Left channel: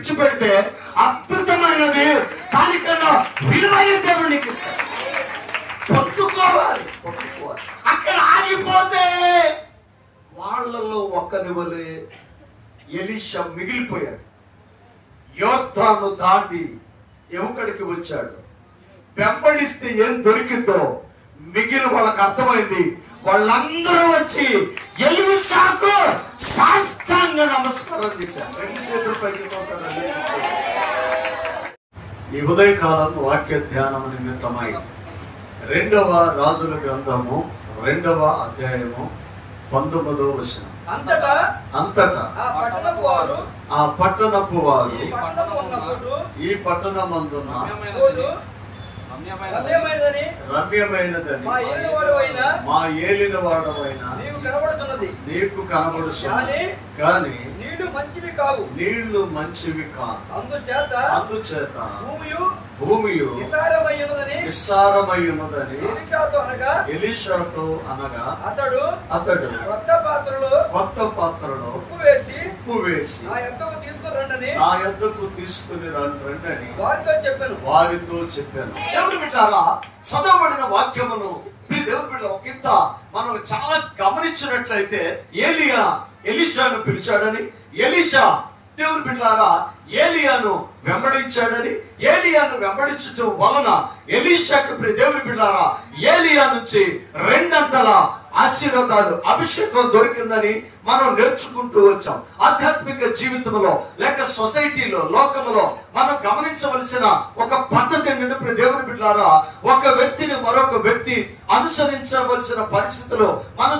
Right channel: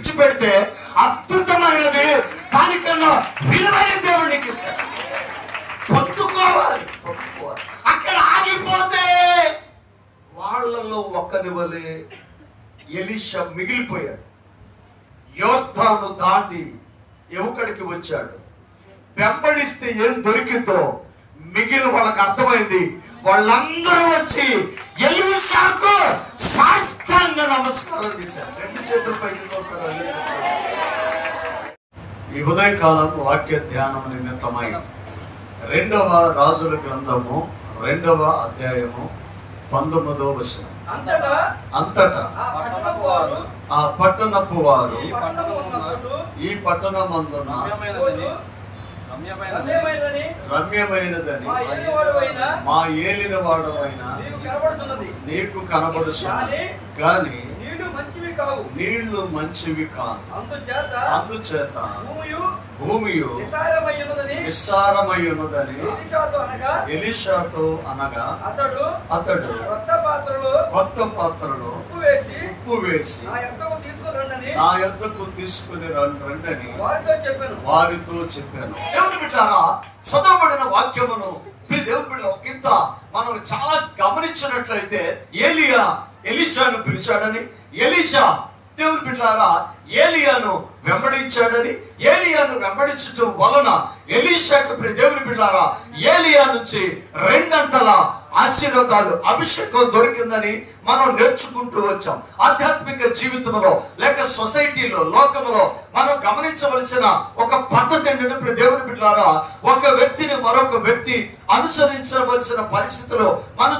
విడిచిపెడితే అద్భుతమైనది, దానికన్నా విలువైన దేవుడు నీకు ఇస్తాడు. పొందుకోవాలి. అక్కడ ఆగిపోతే వాళ్ళలో ఒక్కని వలె ఎలీషా మిగిలిపోయాడు. యోర్దాను దాటి ఎముకడికి వచ్చాడు. వెంబడిస్తే ఏం దొరికిందో మిగిలిన వాళ్ళకి అర్థమైంది. వాళ్ళందరూ వచ్చి ఎలీషాకు సాష్టాంగ నమస్కారం చేశారు. 2 చేతుల పైకి కోసారు. ఈ ఉదయకాలం వాక్య ధ్యానం నిమిత్తమై 2వ రాజుల గ్రంథము 2వ అధ్యాయము 19వ వచనం. అంతటా ఆ పట్టణపు వారు ఈ పట్టణమందున్న రమ్యమైనదని మా ఏలిన వాడమైనా నీకు కనబడుచున్నది, కానీ నీళ్లు మంచివి కాదు. అందుచేత భూమి విస్తారమై ఉన్నదని ఎలీషాతో అనగా అతడు కొత్త పాత్రలో ఉప్పు వేసి నా యొద్దకు తీసుకుని రండి వారితో చెప్పాను. దేవుని బిడ్డారా, చదవబడిన వాక్యమును దేవుని బిడ్డ ఒకంత మనం చాలా గమనించినట్లయితే ఎలీషాను పిలిచాడని, ఎలీషా దేవుని బిడ్డారా ఏలియాను వెంబడించాడని, ఏలియాను వెంబడించడం వలన ఎలీషాకు దేవుని బిడ్డారా ఏలియా నుంచి 2 అంతల ఆశీర్వాదాలు, అభిషేకం దొరికిందని మనం నేర్చుకుంటూ వచ్చాం. ఆధ్యాత్మిక జీవితంలో లేక సొసైటీలో, లోకంలో మనం గమనించవలసిన ఒక పద్ధతి ఏంటంటే దేవుని బిడ్డలారా, ఒక వ్యక్తిని మరొక వ్యక్తి అనుసరించవలసిన పరిస్థితులు మనం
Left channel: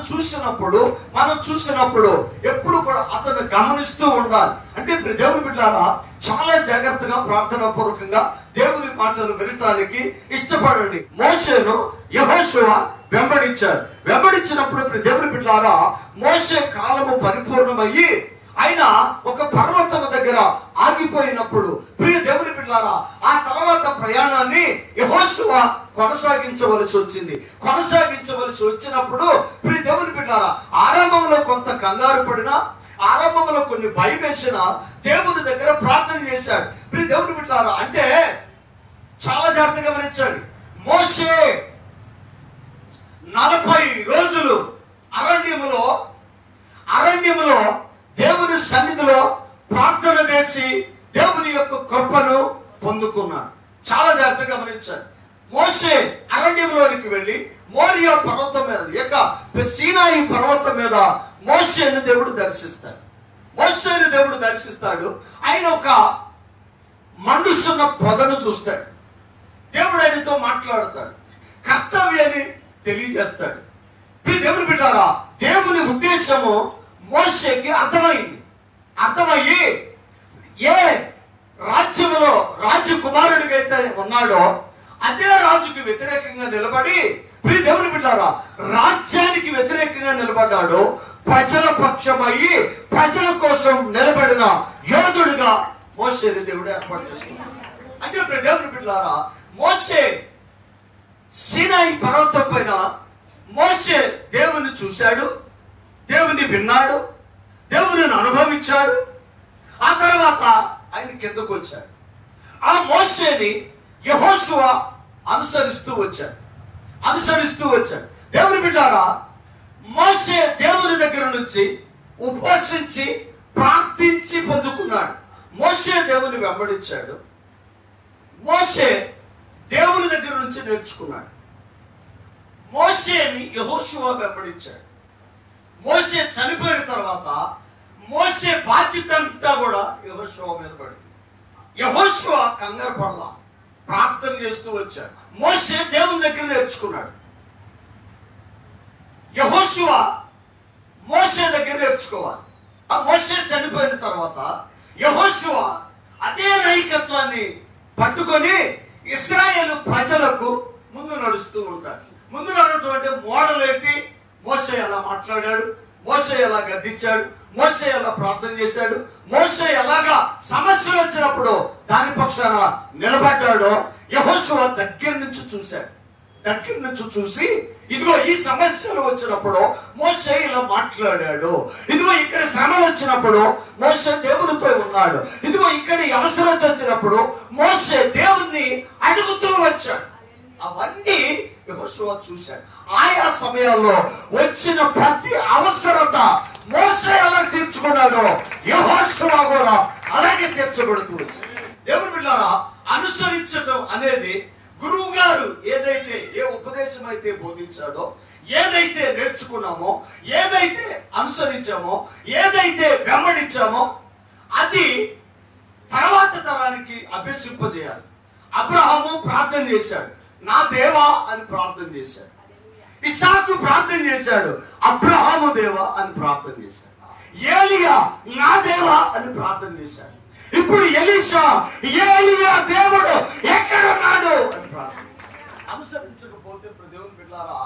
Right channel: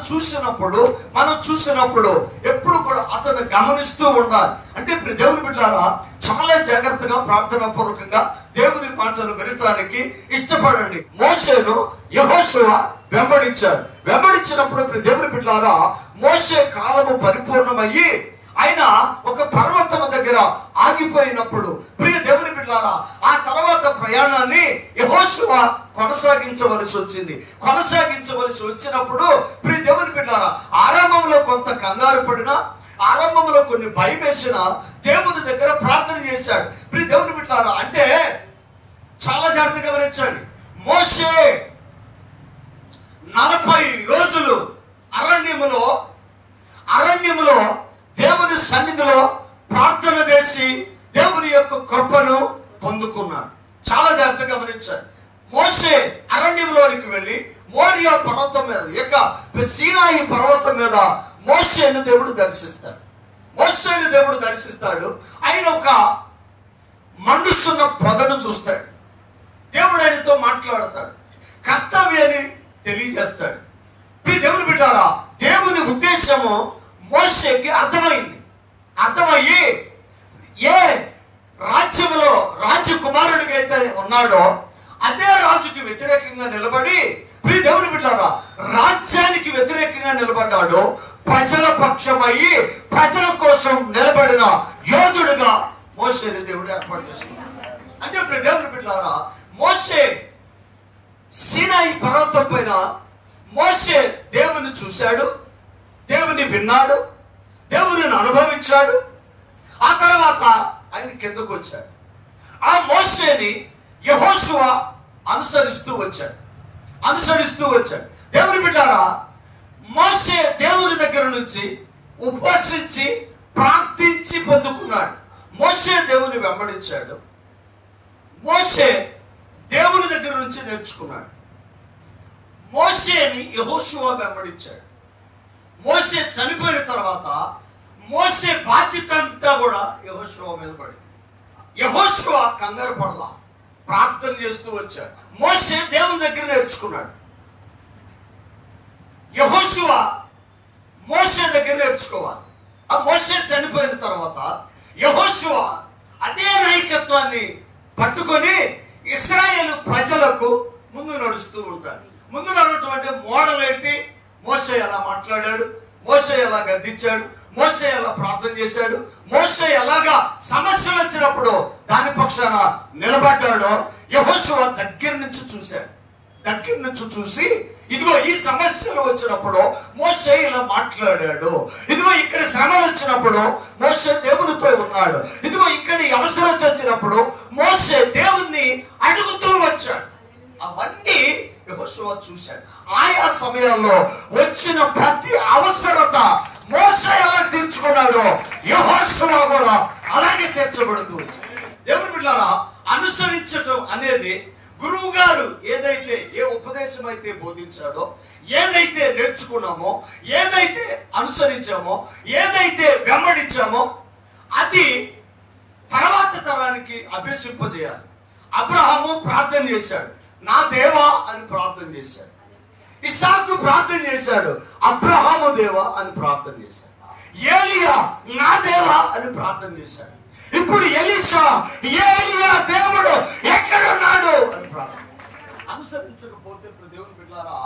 చూసినప్పుడు ఎప్పుడు కూడా అతను గమనిస్తూ ఉండాలి. అంటే దేవుని బిడ్డలారా చాలా జాగ్రత్తగా ప్రార్థనా పూర్వకంగా దేవుని మాటలు వినటానికి ఇష్టపడండి. మోషేను యెహోషువ వెంబడించినప్పుడు దేవుని బిడ్డలారా మోషే కాలము పరిపూర్ణమయ్యి ఆయన ఒక పర్వతం దగ్గర ఆగిపోయినప్పుడు దేవుని బిడ్డలారా ఆ తర్వాత ప్రయాణాన్ని యెహోషువ కొనసాగించవలసి వచ్చినప్పుడు దేవుని బిడ్డలారా ఆరంభంలో కొంత కంగారు పడినా, ఆరంభంలో కొన్ని భయం వేసినా దేవుని దగ్గర ప్రార్థన చేశాడు. దేవుని బిడ్డలారా అంటే చాలా జాగ్రత్తగా గమనించండి. మోషే 40 రోజులు అరణ్యములో దేవుని సన్నిధిలో ప్రార్థన చేసి దేవుని యొక్క కృపను పొందుకున్నాడు. చాలా జాగ్రత్తగా గమనించాడు. మోషే అరణ్యంలోనికి వెళ్లి మోరియా పర్వతం మీద, సీనాయి పర్వతం మీద మోషేను దేవుడు దర్శిస్తాడు. ఆయన ఒక మనుషున్న పొదను చూస్తాడు. దేవుడు ఆయనతో మాట్లాడతాడు, కర్తవ్యాన్ని తెలియజేస్తాడు. దేవుని బిడ్డారా దేవుని ఉద్దేశము మోషేకి అర్థమయ్యి ఏ రాజ్యంలో రాజకుమారుడిగా అయితే ఉన్నాడో అదే రాజుకి వ్యతిరేకంగా నిలబడి దేవుని బిడ్డారా రాజ్యానికి వ్యతిరేకంగా నిలబడ్డాడు. ప్రజల పక్షమయ్యి ప్రజల కోసం నిలబడిన యోధుడుగా మోషేని దేవుడు ఏర్పాటు చేసుకున్నాడు. అంటే దేవుని బిడ్డారా మోషే సీనాయి పర్వతం పైన మోషే దేవుని చూశాడు, దేవుని విన్నాడు, దేవుని అనుభవించాడు. ఆ తర్వాత ఆయన కిందకు వచ్చాడు. ఆ మోషేని యెహోషువ అనుసరిస్తూ వచ్చాడు. దేవుని బిడ్డారా మోషే దేవుని దగ్గర నుంచి ఉపవసించి ప్రార్థించి పొందుకున్నాడు. మోషే దేవుని వెంబడించాడు. మోషే దేవుని దగ్గర నుంచి నేర్చుకున్నాడు. మోషేని యెహోషువ వెంబడించాడు. మోషే చనిపోయిన తర్వాత మోషే బాధ్యత అంతా కూడా యెహోషువ మీద పడింది. యెహోషువ కంగారు పడలా, ప్రార్థన చేస్తూ వచ్చాడు. మోషే దేవుని దగ్గర నేర్చుకున్నాడు. యెహోషువ మోషే దగ్గర నేర్చుకోవాలి. ఆ మోషే చనిపోయిన తర్వాత యెహోషువ అదే నాయకత్వాన్ని పట్టుకొని ఇశ్రాయేలు ప్రజలకు ముందు నడుస్తూ ఉంటాడు. ముందు నడవటం అంటే మోడల్ ఏంటి? మోషే ఎలా మాట్లాడాడు, మోషే ఎలా గద్దించాడు, మోషే ఎలా ప్రార్థన చేశాడు, మోషే ఎలాగా సమస్యలు వచ్చినప్పుడు దాని పక్షాన నిలబడ్డాడో యెహోషువ దగ్గర నుంచి చూశాడు. దగ్గర నుంచి చూసి, ఇదిగో ఈ సమస్యలు వచ్చినప్పుడు మోషే ఇలా మాట్లాడాడు, ఇదిగో ఇక్కడ శ్రమలు వచ్చినప్పుడు మోషే దేవునితో ఉన్నాడు, ఇదిగో ఇక్కడ అవసరం వచ్చినప్పుడు మోషే దేవుణ్ణి అడుగుతూ వచ్చాడు. అవన్నీ యెహోషువ చూశాడు. ఆయా సమయాల్లో వచ్చిన ప్రతి అవసరత మోషే ఎలా తీర్చుకున్నాడో యెహోషువ కూడా అలాగే తీర్చబడుతూ వచ్చాడు. దేవుని బిడ్డలారా, అనుసరించడం అనేది గురువు గారు ఏదైతే ఏ ఉపదేశం అయితే బోధించాడో, ఏదైతే నేర్చుకున్నామో, ఏదైతే అనుసరించామో, ఏదైతే వెంబడించామో అది తర్వాత తరానికి అభ్యసింపజేయాలి. అబ్రహాము ప్రార్థన చేశాడు, నా దేవా అని ప్రార్థన చేశాడు. ఇస్సాకు ప్రార్థన చేశాడు, అబ్రహాము దేవా అని ప్రార్థన చేశాడు. ఏలియా నా దేవా అని ప్రార్థన చేశాడు. ఇప్పుడు ఎలీషా ఏలియా దేవుడు ఎక్కడున్నాడు అని ప్రార్థన. అనుసరించకపోతే దేవుని బిడ్డలారా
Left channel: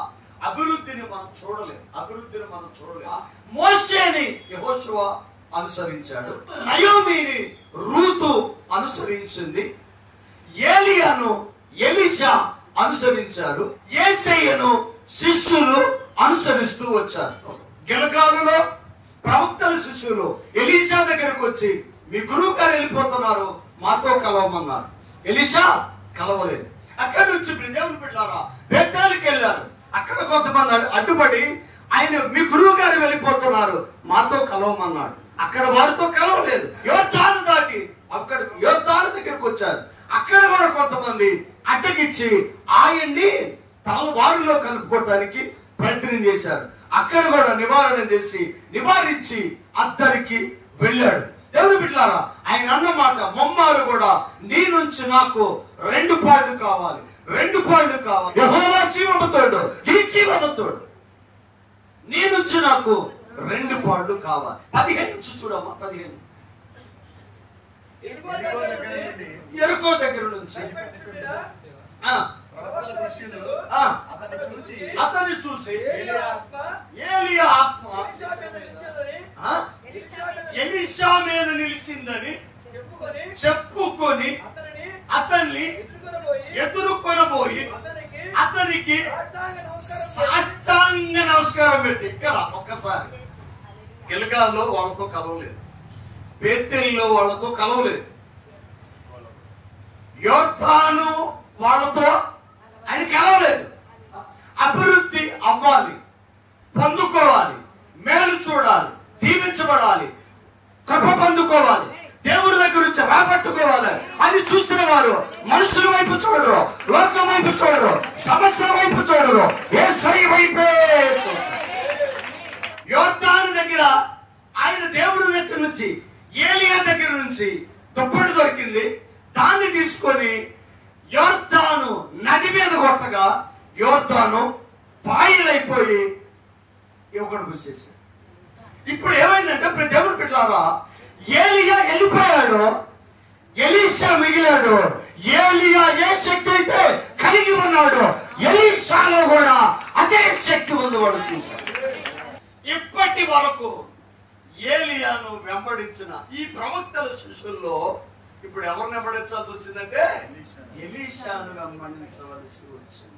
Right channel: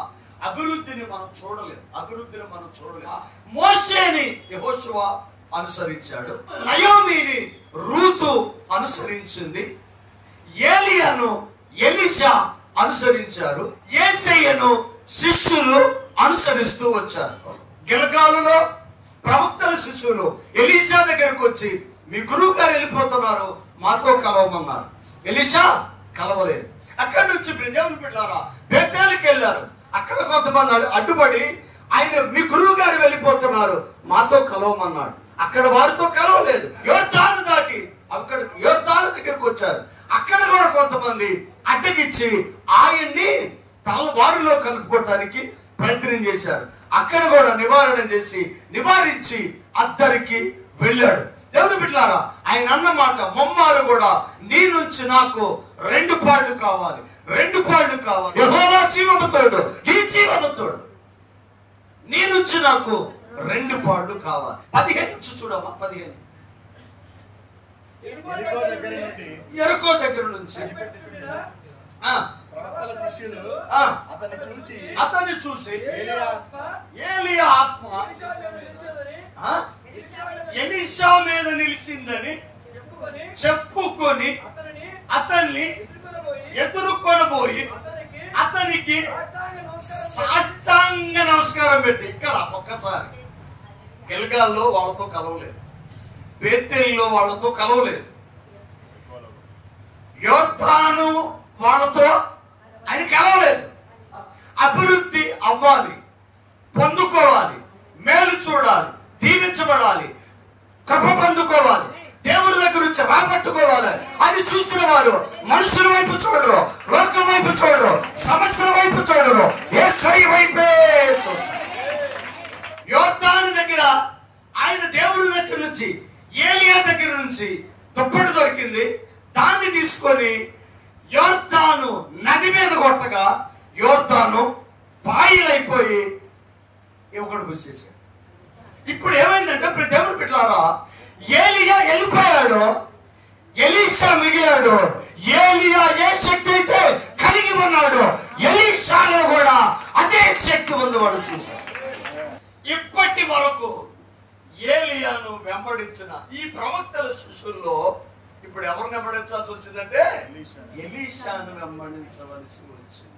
అభివృద్ధిని మనం చూడలేం. మోషేని యెహోషువ అనుసరించాడు, నయోమిని రూతు అనుసరించింది, ఏలియాను ఎలీషా అనుసరించారు, యేసయ్యను శిష్యులు అనుసరిస్తూ వచ్చారు. గిలగాలులో ప్రవక్తల శిష్యులు ఎలీషా దగ్గరకు వచ్చి, మీ గురువు గారు వెళ్ళిపోతున్నారు, మాతో కలవమన్నారు. ఎలీషా కలవలేదు. అక్కడి నుంచి దేవుని బిడ్డలారా బేతేలుకి వెళ్ళారు. అక్కడ కొంతమంది అడ్డుపడి, ఆయన మీ గురువు గారు వెళ్ళిపోతున్నారు, మాతో కలవమన్నాడు. అక్కడ వారితో కలవలేదు. యోర్దాను దాటి అక్కడ యోర్దాను దగ్గరకు వచ్చారు. అక్కడ కూడా కొంతమంది అడ్డగిచ్చి ఆయన్ని తమ వారిలో కలుపుకోవడానికి ప్రయత్నం చేశారు. అక్కడ కూడా నివారించి అద్దరికి వెళ్ళాడు. దేవుని బిడ్డలారా, ఆయన అన్నమాట మొమ్మారు కూడా, నీ నుంచి నాకు 2 పాళ్ళు కావాలి. యెహోవా జీవముతోడు, నీ జీవముతోడు, నీ నుంచి నాకు 2 పాళ్ళు కావాలి. 15 నుంచి చూడమ్మా. 15 ఎరుకో దగ్గర నుంచి అతన్ని చూసి ఏలియా ఆత్మ ఎలీషా మీద నిలిచిందని చెప్పుకొని అతన్ని ఎదుర్కొనబోయి అతనికి సాష్టాంగ నమస్కారం పెట్టి. ఇక్కడ ఒక్కసారి గిల్గాల్లో వాళ్ళతో కలవలేదు, బేతేలులో వాళ్ళతో కలవలేదు, యోర్దాను వాళ్ళతో ఆయన కలవలేదు. అభివృద్ధి అవ్వాలి, పొందుకోవాలి, మేలు చూడాలి, దీవించబడాలి, కృప పొందుకోవాలి, దేవుడి దగ్గర నుంచి రాబట్టుకోవాలి అని చూసిన వారు మనుషుల వైపు చూడరు, లోకం వైపు చూడరు, సమస్యల వైపు చూడరు, యేసయ్య వైపే చూడరు. యోర్దాను దగ్గర ఆయన దేవుడి దగ్గర నుంచి, ఏలియా దగ్గర నుంచి దుప్పటి దొరికింది, దాన్ని తీసుకొని యోర్దాను నది మీద కొట్టగా యోర్దాను పాయలైపోయి ఒకటి కూర్చేసాడు. ఇప్పుడు ఏమైందంటే దేవుని బిడ్డలారా, ఏలియా వెళ్ళిపోయాడు, ఎలీషా మిగిలాడు. ఏలియా ఏ శక్తి అయితే కలిగి ఉన్నాడు, ఎలీషాలో కూడా అదే శక్తి ఉన్నవాడు చూశాడు. ఇప్పటి వరకు ఏలియాను వెంబడించిన ఈ ప్రవక్తల శిష్యుల్లో ఇప్పుడు ఎవరిని వెంబడించాల్సి వచ్చిందంటే ఎలీషాను వెంబడించవలసి వచ్చింది.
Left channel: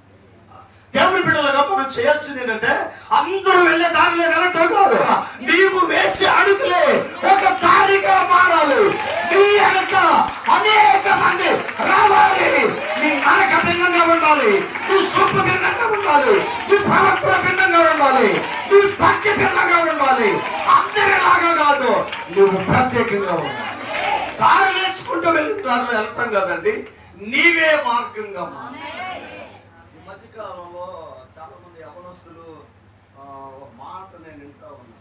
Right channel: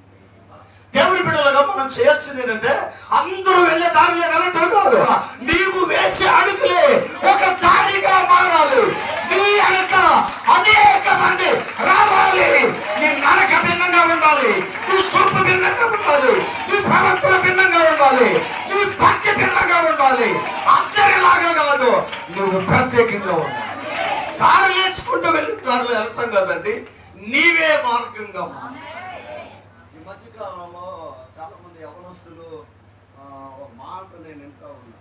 దేవుని బిడ్డలుగా మనం చేయాల్సింది ఏంటంటే అందరూ వెళ్ళే దారిలో వెళ్ళటం కాదు, నీవు వేసే అడుగులే ఒక దారిగా మారాలి. నీ వెనక అనేక మంది రావాలి. నీ నడక భిన్నంగా ఉండాలి, నీ చూపు భిన్నంగా ఉండాలి, నీ ప్రవర్తన భిన్నంగా ఉండాలి, నీ భక్తి భిన్నంగా ఉండాలి. అందరిలాగా కాదు, నువ్వు ప్రత్యేకంగా ఉండాలి. దారి నేర్చుకుంటూ వెళ్ళి దారిలో వెళ్ళటం కాదండి, నీవే మార్గంగా మారాలి. ఈ మధ్యకాలంలో చాలా మంది యవనస్తులు ఒక మాట నేను వింటా ఉన్నా,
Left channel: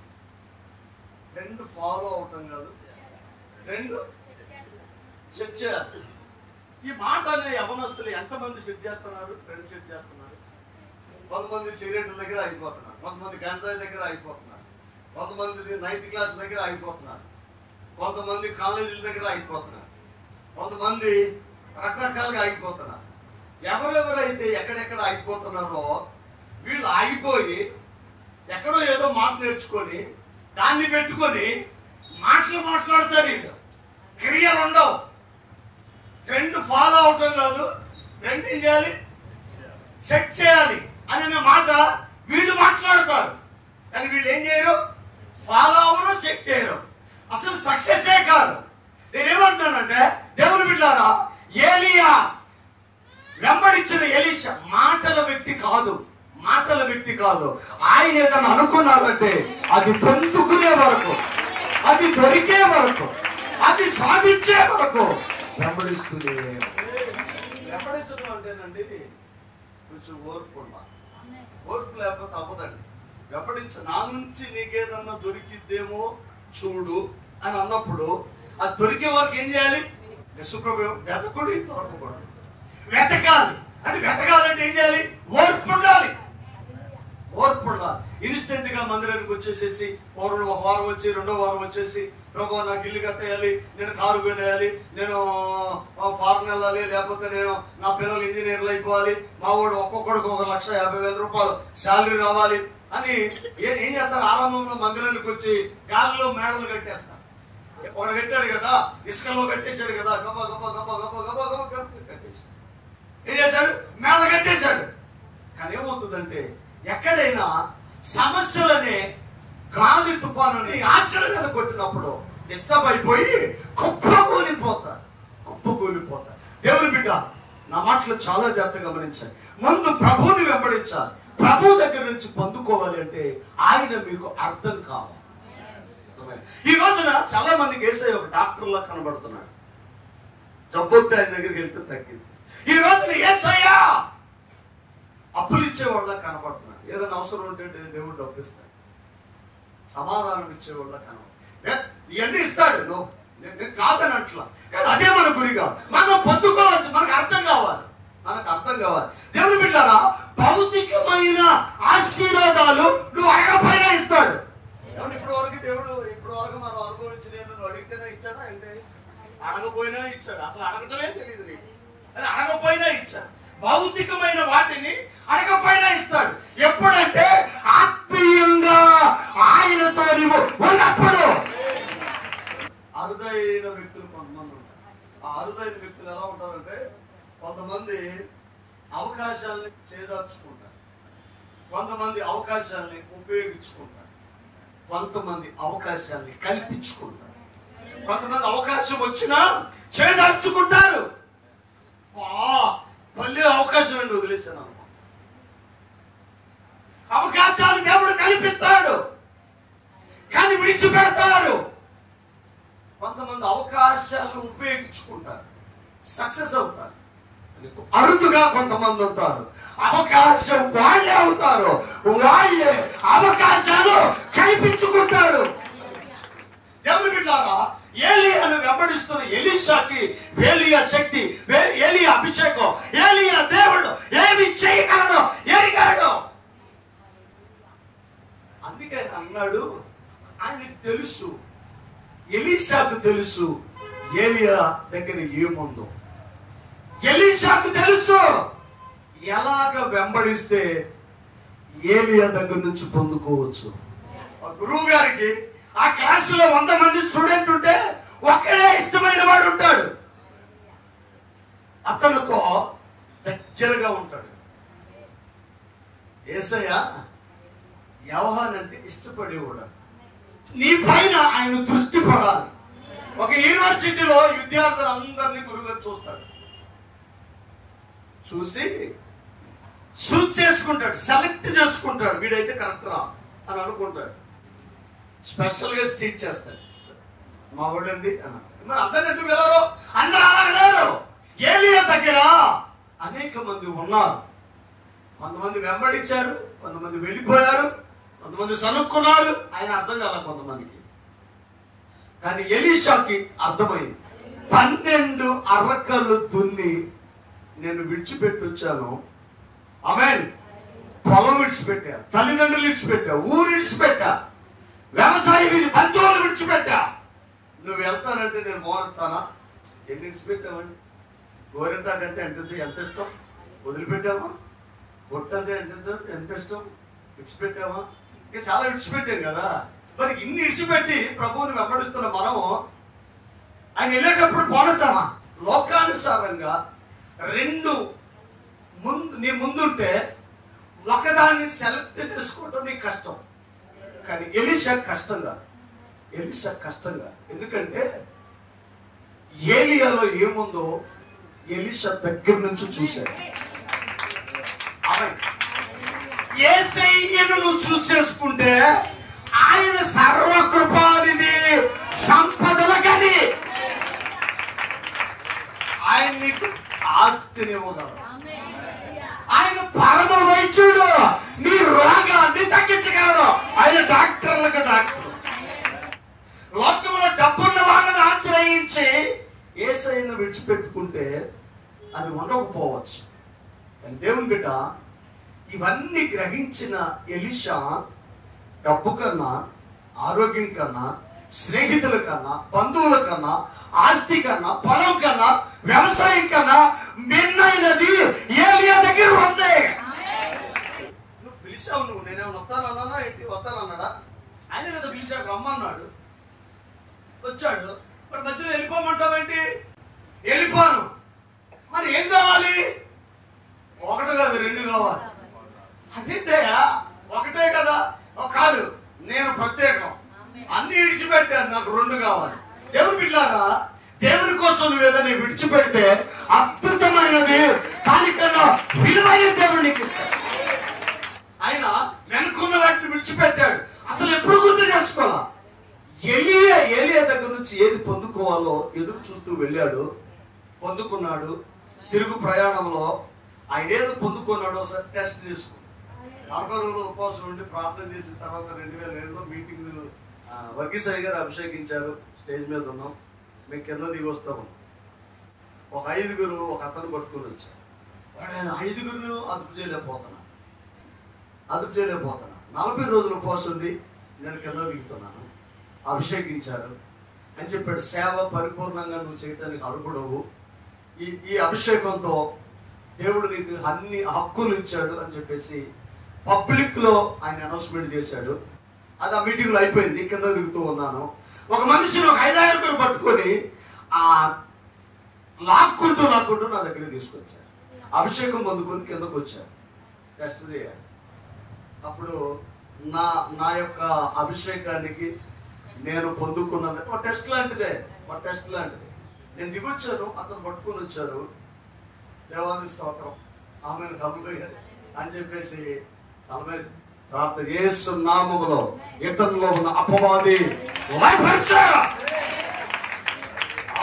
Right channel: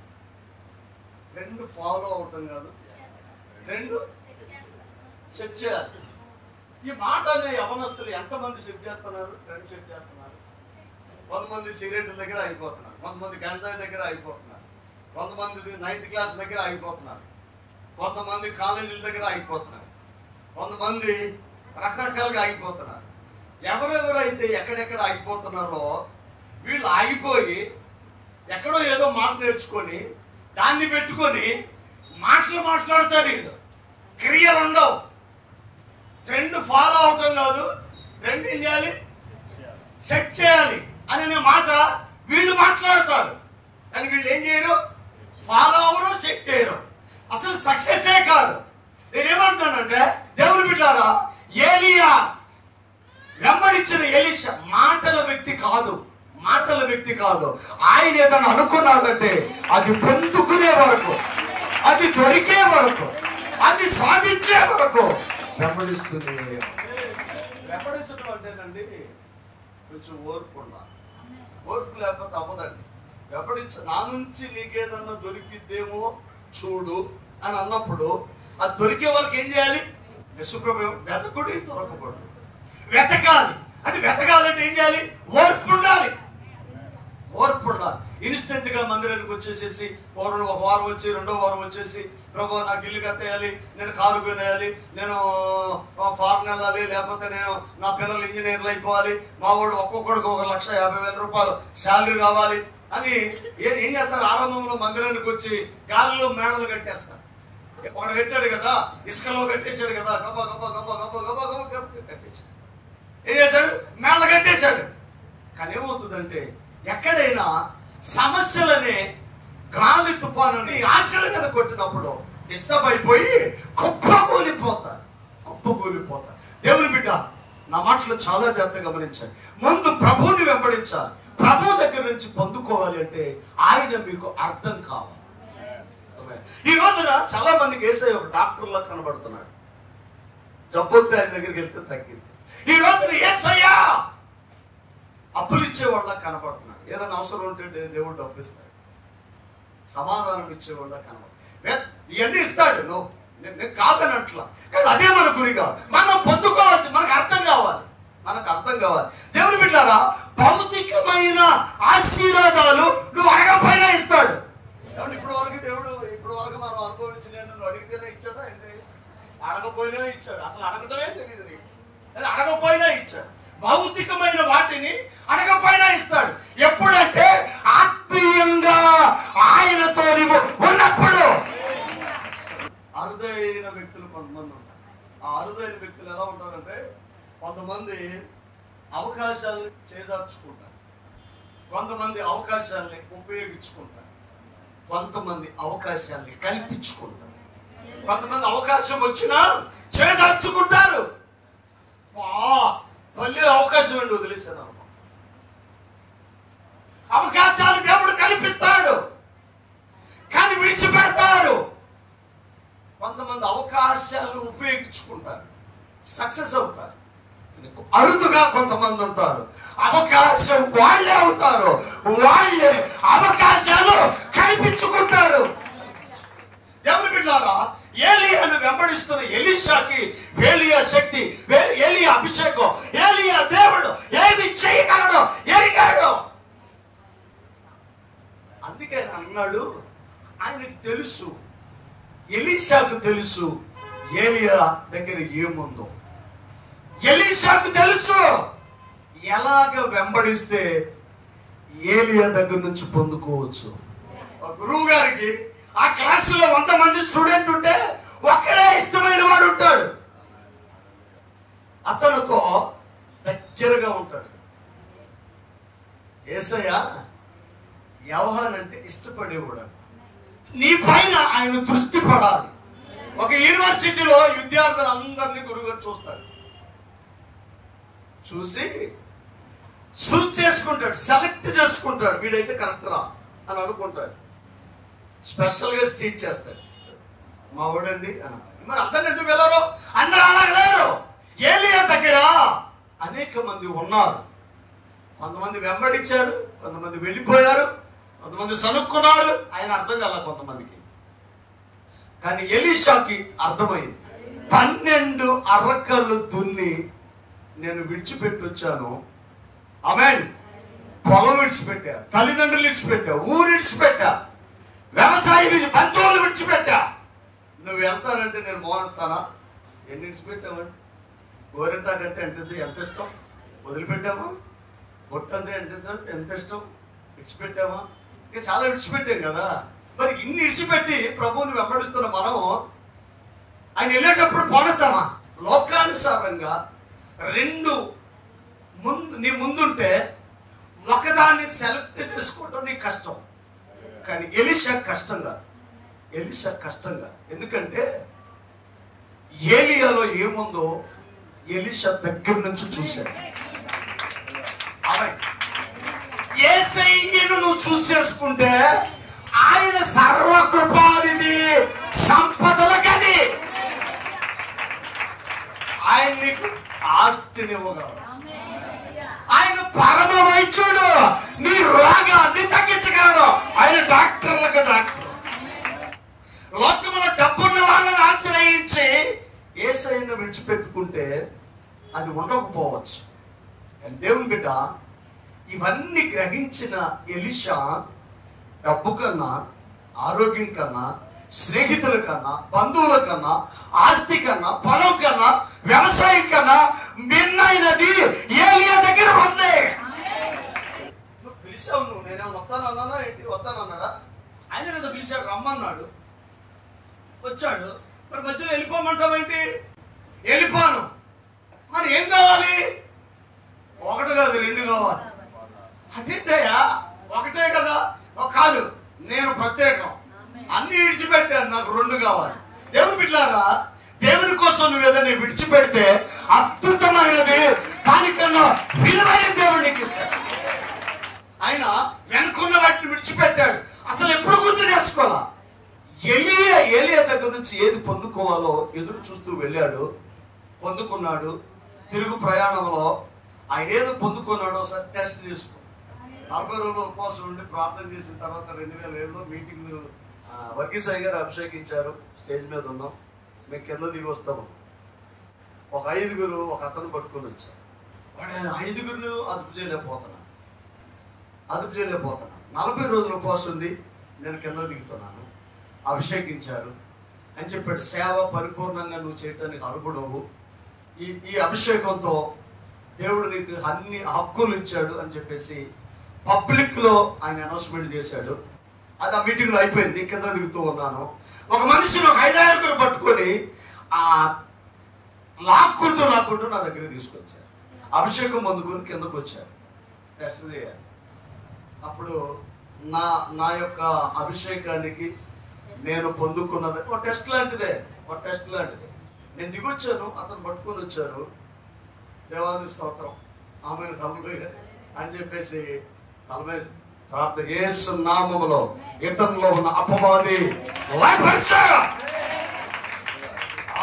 2 ఫాలో అవటం కాదు, 2 చెక్ చేయాలి. ఈ మాట అనే యవనస్తులు ఎంతమంది చెక్ చేస్తున్నారు? 2 చెక్ చేస్తున్నారు. కొంతమంది సిగరెట్ దగ్గర అయిపోతున్నారు, కొంతమంది గంజాయి దగ్గర అయిపోతున్నారు, కొంతమంది 9th క్లాస్ దగ్గర అయిపోతున్నారు, కొంతమంది కాలేజీల దగ్గర అయిపోతున్నారు, కొంతమంది రకరకాలుగా అయిపోతున్నారు. ఎవరెవరైతే ఎక్కడెక్కడ అయిపోతున్నారో వీళ్ళు ఆగిపోయి ఎక్కడో ఏదో మాట నేర్చుకొని దాన్ని పెట్టుకొని మాటలు మాట్లాడతారు. వీళ్ళు క్రియలు ఉండవు. 2 ఫాలో అవటం కాదు, 2 ఏం చేయాలి? సెట్ చేయాలి అనే మాట వీళ్ళు మాట్లాడతారు. కానీ వీళ్ళు ఏం చేయరు, ఫాలో అవరు, సెట్ చేయరు. అసలు సక్సెసే కాదు. నేనేమంటానంటే దేవుని బిడ్డారా, ఏలియా వెంబడించిన ఎలీషా మాటల వ్యక్తి కాదు, మాటల వ్యక్తి కాదు. ఆయన ఏదైనా అనుకున్నాడంటే అది పొందుకునే వరకు, అది దొరికే వరకు, అది సాధించే వరకు వెంబడిస్తుంది. వెంబడించడం అంటేనండి కొంచెం ఓర్పు ఉండాలి. ఓర్పు లేకపోతే అవ్వదండి. వెంబడించ నా నుంచి నీకేదన్నా దొరికిద్దేమో చూడు అని అన్నప్పుడు అది దొరికే వరకు ఏం చేయాలి? వెతకుడు దొరకకూడదు, వెతకాలి. అంటే వెతకాలంటే ఏం చేయాలి? ఓర్పు ఉండాలి, ఓర్పు ఉండాలి. ఇన్స్టెంట్ గా మందిరానికి వచ్చేసేసి ఒక వారం వచ్చి, రెండో వారం వచ్చేసి, ప్రభు నాకు ఇల్లు కట్టేయాలి, నేను కారు కొనేయాలి, నేను ఫారెన్ వెళ్ళాలి, లేకపోతే నేను నా పిల్లలు ఇంజనీర్లు అయిపోవాలి, మా వాడు ఒక్కొక్కడికి 1,50,000 రూపాయలు శాలరీ రావాలి అని ఏం చేస్తారు? ఆరంభంలో మందిరానికి వచ్చి గాలిలో మేడలు కట్టేస్తారు. వాడు కట్టాడు కదా, ఇసుకలో కట్టేశాడు కదా, గబా గబా గబా గబా గబా గబా కట్టేశాడు. ఏం చేశాడు? మేడలు కట్టేశాడు. కానీ ఏమవుతుందంటే ఎక్కడైనా సమస్యలనే గాలి తుఫానుని ఆశల మీద కొట్టినప్పుడు డిస్టర్బ్ అయిపోయి కుప్పకూలిపోతారు, కుప్పకూలిపోతారు. దేవుని బిడ్డ, నా మాటలు చాలా జాగ్రత్తగా గమనించాలి. ముందు ప్రభువుని వెంబడించాలి. ప్రభు దగ్గర నుంచి పొందుకోవాలి అంటే ఆయన మీకు అర్థం కావాలి. ఈ రోజున చాలా మందికి యేసయ్య ఒక డాక్టర్ లా కనబడుతున్నాడు. జబ్బొత్తే ఆయన దగ్గరికి వెళ్తే తగ్గింది. ఈ రోజున యేసయ్య అప్పులు ఇచ్చేవాళ్ళ కనపడుతున్నాడు. ఏదైనా అవసరం ఉంటే దేవుడు డబ్బు ఇస్తాడు, సమాధానం ఇచ్చేవాళ్ళ కనపడు. ఇవన్నీ ఇస్తాడు, నేను కాదనట్లా. కానీ అదే మన గురి కాదు. మనం పొందుకోవచ్చు, మనకు అర్థం కావాలి, మనకు అర్థం కావాలి. దేవుని బిడ్డారా, భౌతికమైన ఆశీర్వాదాలు నువ్వు అడగకపోయినా ఇస్తాడు. ఇప్పుడు వరకు దేవుడు, ఇప్పుడు వరకు మనం అనుభవించి, నేను అడిగితేనే ఇచ్చాడా అంటే అడగపోయినా ఇచ్చాడు. అసలు అడగటమే తెలియదు నీకు, అడగపోయినా ఇచ్చాడు. భౌతికమైన వాటిని అడగపోయినా ఇస్తాడు. ఎప్పుడంటే ఆత్మీయంగా ఆయనతో ఉన్నప్పుడు. అరుదైన వ్యక్తులు కొంతమంది ఉంటారు. ఆ అరుదైన వ్యక్తులు ఎలా ఉంటారంటే, కొంతమంది అవకాశాలని చేజార్చుకుంటారు, కొంతమంది అవకాశాలని ఉపయోగించుకుంటారు, కొంతమంది అవకాశాలని కల్పించుకుంటారు, కొంతమంది అవకాశం వచ్చినా చేజార్చుకుంటారు. మళ్ళీ అవకాశం అండి వదిలేశాను అనుకో. అవకాశాలు దేవుడు కల్పిస్తాడు కానీ విడిచిపెడతారు. కొంతమంది అవకాశాలను ఉపయోగించుకుంటారు, సక్సెస్ అవుతారు. అరుదుగా కొంతమంది ఉంటారు, అవకాశం వాళ్ళే అవుతారు, వాళ్ళే అవకాశాలు కల్పించుకుంటారు. దేవుని బిడ్డలారా, ఏలియాను వెంబడిస్తున్న ఎలీషాకి ఏలియా శక్తి, ఏలియా అభిషేకం, ఏలియా దేవుడు ఏమి చేయగలడు ఎరిగాడు. అందుకే అన్నాడు, ఆయనకు తెలుసు, ఎలీషాకు తెలుసు ఏలియా దగ్గర ఏముందో. ఎలీషాకు తెలుసు ఎలాగ వెంబడిస్తే ఏలియా దగ్గర నుంచి పొందుకోవచ్చు. గురువు గారికి ఆ క్లాసులో 100 మంది స్టూడెంట్ ఉంటే ఒక్కడే ఇష్టమైన వాడు ఉంటాడు, అతనితో దగ్గరగా ఉంటాడు. యేసయ్య యోహాను అంటే ఇష్టపడేవాడు. నీ పైన ఆయన దృష్టి పడాలి. ఒక యూనివర్సిటీలో విద్యార్థులందరినీ గురువుగా చూస్తాడు, చూసి చూస్ చేసుకుంటాడు, సెలెక్ట్ చేసుకుంటాడు, వీడైతే కరెక్ట్ రా అని అనుకుంటాడు. స్పెషల్ గా స్టీచ్ చేస్తాడు, మా వాడండి. మరి అందరు ఎందుకు వెళ్ళారు? అందరూ అలా లేరు. ఏలియా దగ్గర అనేక మంది ఉన్నారు. కొంతమంది వెంబడించారు, కొంతమంది వెళ్ళిపోయారు, కొంతమంది సనుక్కున్నారు. ఆయన అర్థం కాల కొంతమందికి. కానీ ఎలీషాకి అర్థమైంది. 12 అరకలు దున్ని నేను విడిచిపెట్టి వచ్చాను. ఆమేన్. పొలం విడిచిపెట్టా, తల్లిదండ్రులు విడిచిపెట్టా, ఊరు విడిచిపెట్టా, వ్యవసాయ బంధువులు విడిచిపెట్టా. నువ్వు వెళ్తానంటే నేను మోనెత్తానా? ఎన్ని విడిచిపెట్టామండి? గోరెంటాకంటే ఎంత ఇష్టం, వదిలిపెట్టామా? పొట్టంటే ఎంత ఇష్టం, విడిచిపెట్టామా? ఇంకా చాలా విడిచిపెట్టాం కదా. మరి ఇన్ని విడిచిపెట్టి ప్రభువుని వెంబడిస్తున్న మనము ఆయన వెళ్ళేటప్పుడు పోనెత్తామా? లోకానుసారంగా 2 నీ ముందుంటే ఒకదాన్ని సెలెక్ట్ చేసుకోవడం నీ కష్టం. కానీ ఎలీషా కష్టం కాదు. ఎలీషా కష్టం కాదు. ఎందుకంటే ఏలియాలో ఏముందో ఎలీషా దగ్గర నుంచి చూశాడు. యేసయ్యను నువ్వు చూస్ చేసుకుంటే ఆయన సర్వకృపానిధి, సంపదలకని ఆయన నీకు ఆస్తినివ్వగలడు. ఆయన పరమ వైద్యుడు, నీ రోగాన్ని తగ్గించగలడు. ఆయన డాక్టర్లకు డాక్టర్. లోకములో డబ్బున్న వాళ్ళని ఆశ్రయించి యేసయ్యను విడిచిపెట్టుకుంటే అది ఉండకపోవచ్చు. కానీ దేవుని బిడ్డ, ఇవన్నీ గ్రహించిన ఎలీషా డబ్బు కన్నా, ఆరోగ్యం కన్నా, స్నేహితుల కన్నా, బంధువుల కన్నా, ఆస్తి కన్నా, పొలం కన్నా, వ్యవసాయం కన్నా మిన్నైనది ఏలియా దగ్గర ఉంది. నువ్వు పిలిచావు, నువ్వు నేనే వస్తానన్నా ఏంటి? వస్తానన్నాడా? ఆయన కదా పిలిచాడు, రమ్మన్నాడు, వచ్చాడు. మరి మధ్యలో వెళ్ళిపోమంటావేంటి? వెళ్ళిపోను. మరి ఏం కావాలి? ఒకటి కాదు, రెండు కావాలి. అదేంటయ్యా, ఒకటే కదా? కాదు, నేను ప్రత్యేకం, అన్ని విడిచిపెట్టాను, నాకు రెండు కావాలి. దేవుని బిడ్డలారా, దేవుని కోసం నువ్వు ఏదైనా విడిచిపెడితే అద్భుతమైనది, దానికన్నా విలువైన దేవుడు నీకు ఇస్తాడు. ఆయన వెనుకున్న వాటిని విడిచిపెట్టాడు. అసలు ఎప్పుడు గుర్తు చేసుకోవాలా? ఏలియా దగ్గర నుంచి ఏది పొందుకోవాలో ఎదురు చూస్తూ వెళ్ళాడు, పొందుకున్నాడు. తిరుగు ప్రయాణంలో ఆయన ఏదో పొందుకున్నాడో ఒకసారి టెస్ట్ చేసుకో. 40 రోజుల ఉపవాసం ఉండి ప్రార్థన చేసిన తర్వాత 2007లో మీటింగ్ వర్గీసాయి గారు అభిషేకించారు. స్టేజ్ మీద ఉన్నాం, మేము కింద దిగి వస్తాము. ఒక 5గురు ఒక అతను పట్టుకుని వచ్చారు. వాడు 5గురిని అదుపు చేయలేకపోతున్నా. 40 రోజుల ఉపవాసం ఉంది, నేను కింద దిగుతున్నాను. అభిషేకించారు అని చెప్పాడు. సేవ పరిపూర్ణంగా నువ్వు చేయటానికి అర్హుడవు. ఈ అభిషేకంతో దేవుడు నీకు అన్ని హక్కులు ఇచ్చాడు అని చెప్పేసి పబ్లిక్ లో ఆయన అనౌన్స్మెంట్ చేశాడు. అది ఆ మీటింగ్ లో అయిపోయింది. కింద దిగుతూ ఉన్నాను. ఒక మనిషిని ఒక 5-6 పట్టుకొని లాక్కుంటూ నా దగ్గర తీసుకొచ్చారు. అభిషేకం పొందుకొని కిందకు వచ్చారు. టెస్ట్ చేయాలి. అప్పుడు నా యొక్క అభిషేకానికి నేను పొందుకున్నది ఒక టెస్ట్ లాంటిదే. నేను దిగొచ్చాను, అతను పట్టుకొని వచ్చారు. దేవానికి స్తోత్రం, ఆమెను హల్లెలూయా అని చెప్పేసి తలమే ప్రార్థన యేసు నామములో ఇతరులో ఉన్న అపవాది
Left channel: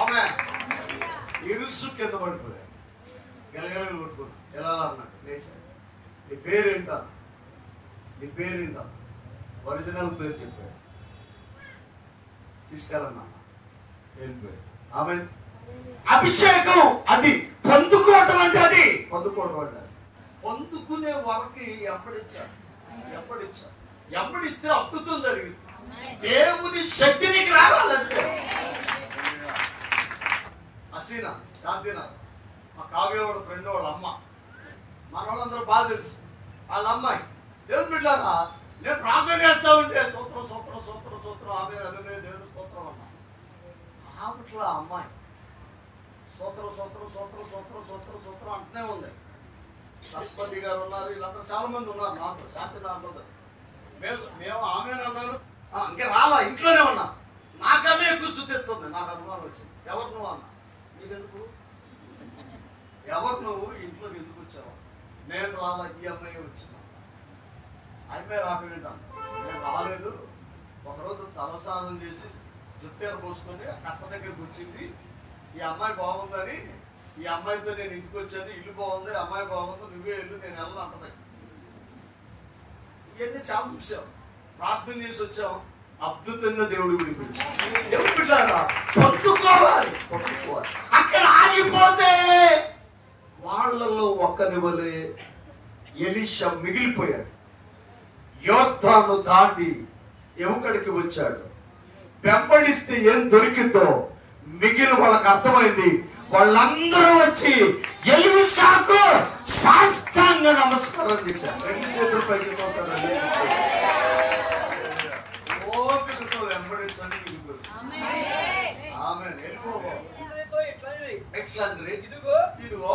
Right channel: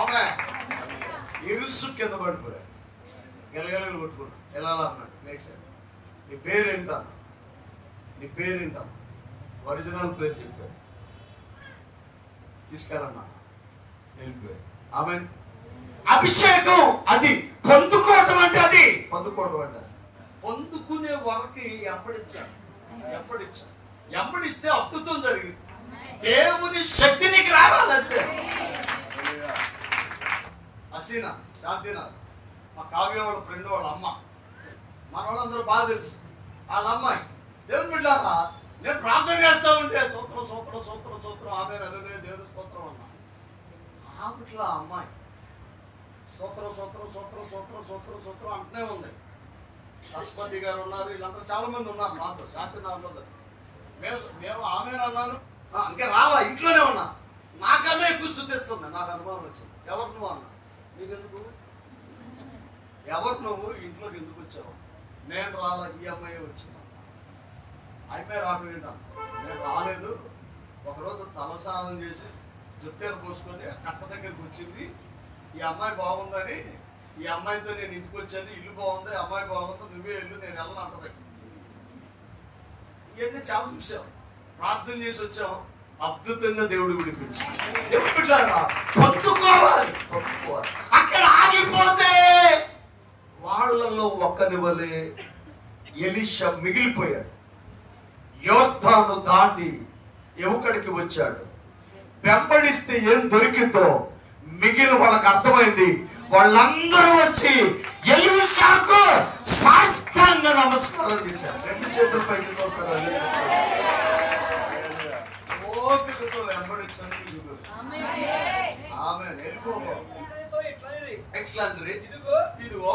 ఆమె ఇరుసు కింద పడిపోయాడు. ఎరగలు కొట్టుకున్నాడు. ఎలా అన్నాడు? లేచాడు. నీ పేరేంటా? ఒరిజినల్ పేరు చెప్పాడు. తీసుకెళ్ళన్నా వెళ్ళిపోయాడు. ఆమె అభిషేకం అది పొందుకోవటం అంటే పొందుకునే వరకు ఎంబడిస్తే అద్భుతం జరిగింది. దేవుని శక్తి నీకు రావాలంటే. హసీనా శాంతినా మా కావ్య వాళ్ళ ఫ్రెండ్ వాళ్ళ అమ్మ, మన వాళ్ళందరూ బాగా తెలుసు. వాళ్ళ అమ్మాయి దేవుని బిడ్డలారా, నేను ప్రార్థన చేస్తా ఉంటే సూత్రం ఆమె అదే దేవుని స్తోత్రం అన్నా. ఆమెట్లా అమ్మాయి సూత్రం అంటూనే ఉంది. సరస్వతి గారు ఉన్నారు, వీళ్ళందరూ చాలా మంది ఉన్నారు నాతో. శాంతినాథ్లో మేము ఆమె అన్నాను. ఇంకా రాలా, ఇంట్లోనే ఉన్నా. నాకన్నా ఎక్కువ శుద్ధిస్తుంది. నాకు అనుమానం వచ్చింది. ఎవరు నువ్వు అన్నా. నీకెందుకు? ఎవరు నువ్వు? ఇంట్లోకి ఎందుకు వచ్చావు? నేను రాలా, ఈ అమ్మాయి వచ్చినా. అయిపోయి రాకుండా నేను రాలేదు. ఒకరోజు తలస్నానం చేసి జుట్టేరు పోసుకొని కట్ట దగ్గరికి వచ్చింది. ఈ అమ్మాయి బాగుందని, ఈ అమ్మాయితో నేను ఇంటికి వచ్చాను. ఇల్లు బాగుంది, అమ్మాయి బాగుంది, నువ్వే ఇల్లు, నేను వెళ్ళను అంటది. ఇవన్నీ చాలా చూసాం, ప్రార్థన చేసి వచ్చాం. అద్భుతంగా దేవుడు విడిపించాడు. పొందుకోవాలి. అక్కడ ఆగిపోతే వాళ్ళలో ఒక్కనివలే ఎలీషా మిగిలిపోయాడు. యోర్దాను దాటి ఎముకడికి వచ్చాడు. వెంబడిస్తే ఏం దొరికిందో మిగిలిన వాళ్ళకి అర్థమైంది. వాళ్ళందరూ వచ్చి ఎలీషాకు సాష్టాంగ నమస్కారం చేశారు. 2 చేతులు పైకి కోసారు. ఓపికతో వెంబడించండి. ఆమె ఇదిగో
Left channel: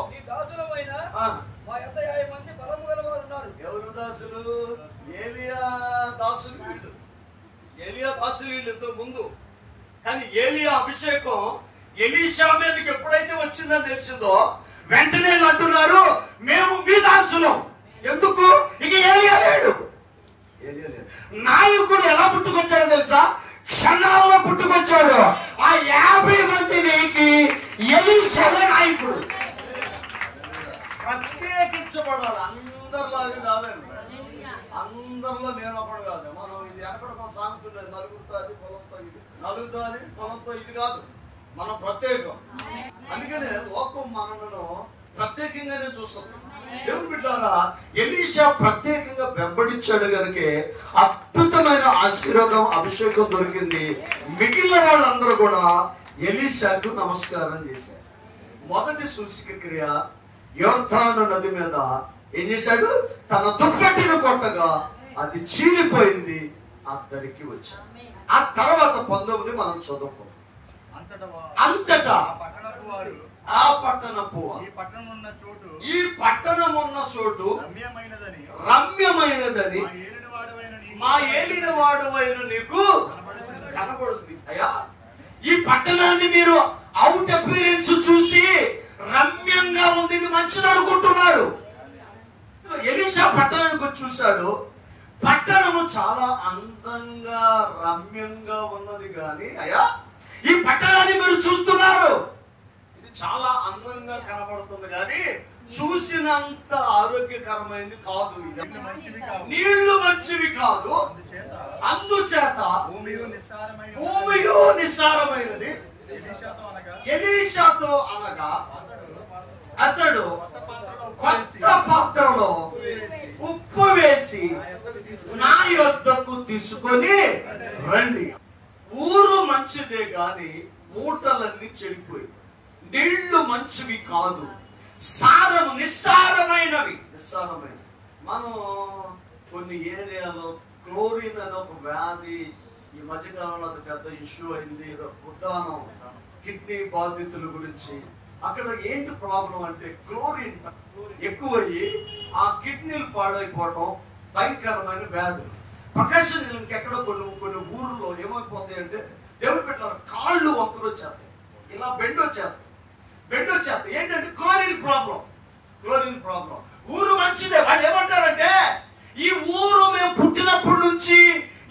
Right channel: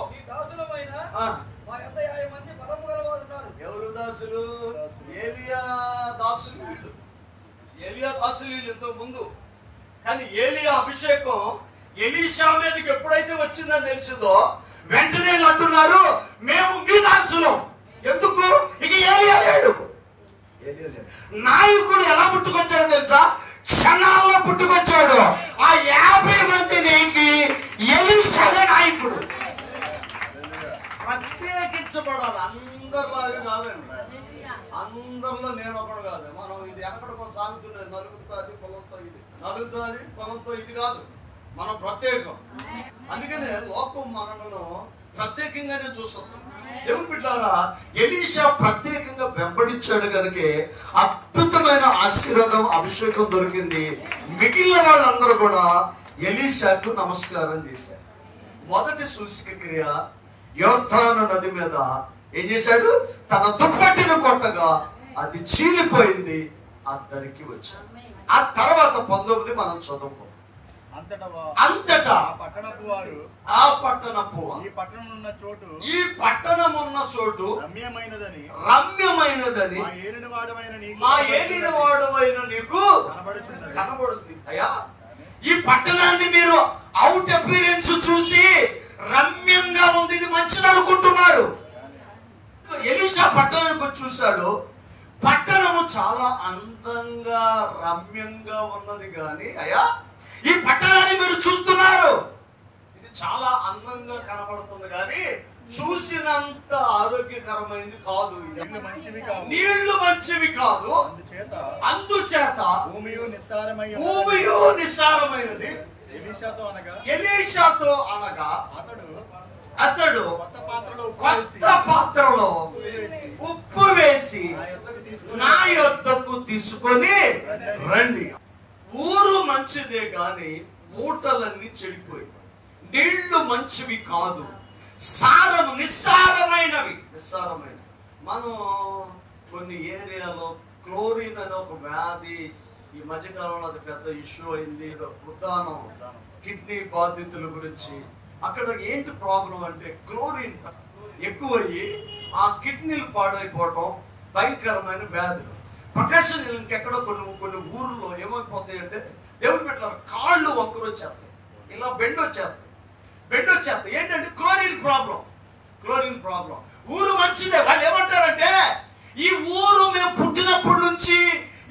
అసలు ముందు. కానీ ఏలియా అభిషేకం ఎలీషా మీదకి ఎప్పుడైతే వచ్చిందని తెలిసిందో వెంటనే అంటున్నారు, మేము మీ దాసులం. ఎందుకు? ఇక ఏలియా లేడు. నాయకుడు ఎలా పుట్టుకొచ్చాడో తెలుసా? క్షణాల్లో పుట్టుకొచ్చాడు. ఆ 50 మందికి ఎలీషానే నాయకుడు. ప్రత్యేకించబడాలి. అందరిలాగా కాదండి. అందరిలో నేను ఒకడు కాదు. మనం ఇది ఎక్కడికో సాగుతున్నది, నలుగురితో అది పొలంతో ఇది, నలుగురితో అది పొలంతో ఇది కాదు. మనం ప్రత్యేకం. అందుకనే లోకం మనలను ప్రత్యేకంగానే చూస్తుంది. దేవుని బిడ్డలారా, ఎలీషా ప్రత్యేకంగా వెంబడించాడు కనుక అద్భుతమైన ఆశీర్వాదం, అభిషేకం దొరికింది. మిగిలిన వాళ్ళందరూ కూడా ఎలీషాకు నమస్కారం చేశారు. మొదటి సూచక క్రియ, యోర్దాను నది మీద ఏం చేశాడు? తన దుప్పటిని కొట్టగా అది చీలిపోయింది, అద్దరికి వచ్చాడు. ఆ తర్వాత 19 మనం చదువుకో. అంతటా ఆ పట్టణపు ఈ పట్టణం ఉన్న చోటు రమ్యమైనదని మా ఏలినవాడవైన నీకు కనబడుతుంది. అయ్యా, ఈ పట్టణాన్ని మీరు అవుట్ అపీరెన్స్ చూసి రమ్యంగా ఉంది, ఇది మంచిది అనుకుంటున్నారు. ఎలీషా పట్టణానికి వచ్చి చూశాడు. పట్టణము చాలా అందంగా రమ్యంగా ఉన్నది. కానీ అయ్యా, ఈ పట్టణాన్ని మీరు చూస్తున్నారు, ఇది చాలా అందంగా కనబడుతుంది, కానీ చూసినంత ఆరోగ్యకరమైనది కాదు. నీళ్లు మంచివి కాదు, అందుచేత భూమియు నిస్సారమైనది. ఎలీషాతో అనగా అతడు కొత్త పాత్రలో ఉప్పు వేసి నా యొద్దకు తీసుకొని రండి. ఊరు మంచిదే గాని మూటలన్నీ చెడిపోయి, నీళ్లు మంచివి కాదు, సారము నిస్సారమైనవి. మనం కొన్ని ఏరియాలో క్లోరిన్ అనే ఒక వ్యాధి ఈ మధ్యకాలంలో అది పెద్ద ఇష్యూ అయింది. ఉద్దానం కిడ్నీ బాధితుల గురించి. అక్కడ ఏంటి ప్రాబ్లం అంటే క్లోరిన్ ఎక్కువయ్యి ఆ కిడ్నీలు పాడైపోవటం, భయంకరమైన వ్యాధులు. ప్రకాశం ఇంకెక్కడో కొన్ని ఊర్లో ఏమైపోతాయి అంటే, దేవుని పెట్టారు కాళ్ళు ఒక్కరు వచ్చేస్తాయి, ఇలా బెండ్ వచ్చేస్తాయి. ఏంటంటే క్లోరిన్ ప్రాబ్లం. ఊరు మంచిదే. వాళ్ళు ఏమంటారంటే, ఈ ఊరు మేము పుట్టినప్పటి నుంచి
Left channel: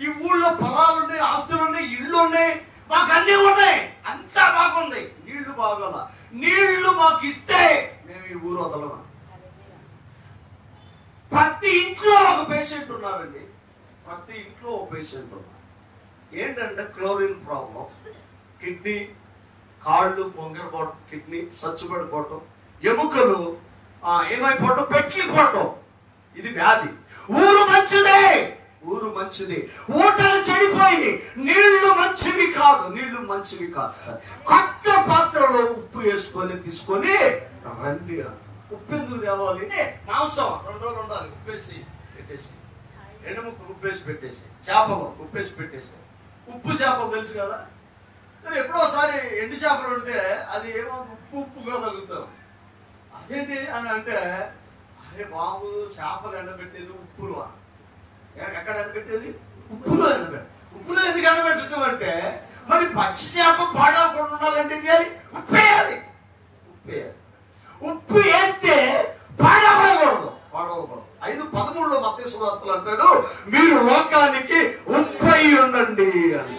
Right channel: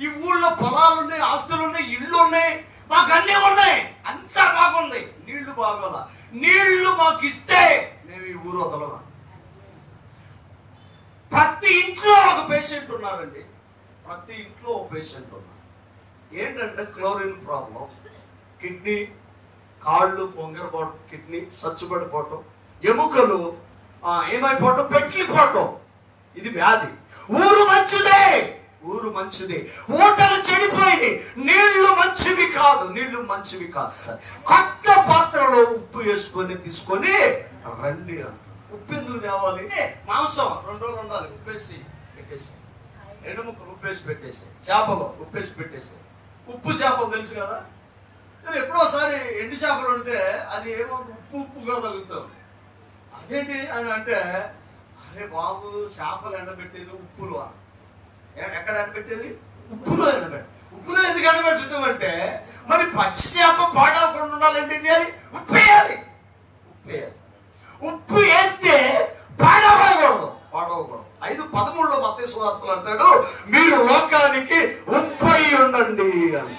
ఈ ఊళ్ళో పొలాలున్నాయి, ఆస్తులున్నాయి, ఇళ్ళు ఉన్నాయి, మాకు అన్నీ ఉన్నాయి, అంతా బాగుంది, నీళ్లు బాగోదా, నీళ్లు మాకు ఇస్తే మేము ఈ ఊరు వదలమా. ప్రతి ఇంట్లో ఒక పేషెంట్ ఉన్నారండి. ఏంటంటే క్లోరిన్ ప్రాబ్లం, కిడ్నీ, కాళ్ళు పొంగిరపోవడం, కిడ్నీ సచ్చుబడిపోవటం, ఎముకలు ఏమైపోవటం, పెట్లిపోవటం, ఇది వ్యాధి. ఊరు మంచిది, ఊటలు చెడిపోయి నీళ్లు మంచివి కాదు. కొత్త పాత్రలో ఉప్పు వేసుకొని తీసుకొని రండి. ఉప్పు ఎందుకు తేవాలి? మాంసం 2 రోజులు ఉండాలి, ఉప్పేసి పెట్టేసి, ఎండుముక్కలు ఉప్పేసి పెట్టేసి, చేపలు ఉప్పేసి పెట్టేసి. ఉప్పు చేపలు తెలుసు కదా, ఎప్పుడోసారి ఎండు చేపలు ఉంటే అది ఏమో ఉప్పుగా తగులుతాం. అదేంటి అని అంటే, అరే బాబు, చేపలు ఎండబెట్టేది ఉప్పులు. ఎక్కడ ఎండబెట్టేది? ఉప్పులో ఎండబెట్ట. ఉప్పులో ఎందుకు ఎండబెట్టడం అంటే, మరి పచ్చి చేప పాడవకుండా ఉండాలంటే ఇది ఉప్పేయాలి. ఉప్పు వేస్తే పాడవకూడదు. 5:13 మత్తయి సువార్తలు అంటాడు, మీరు లోకానికి ఉప్పై ఉండండి అని.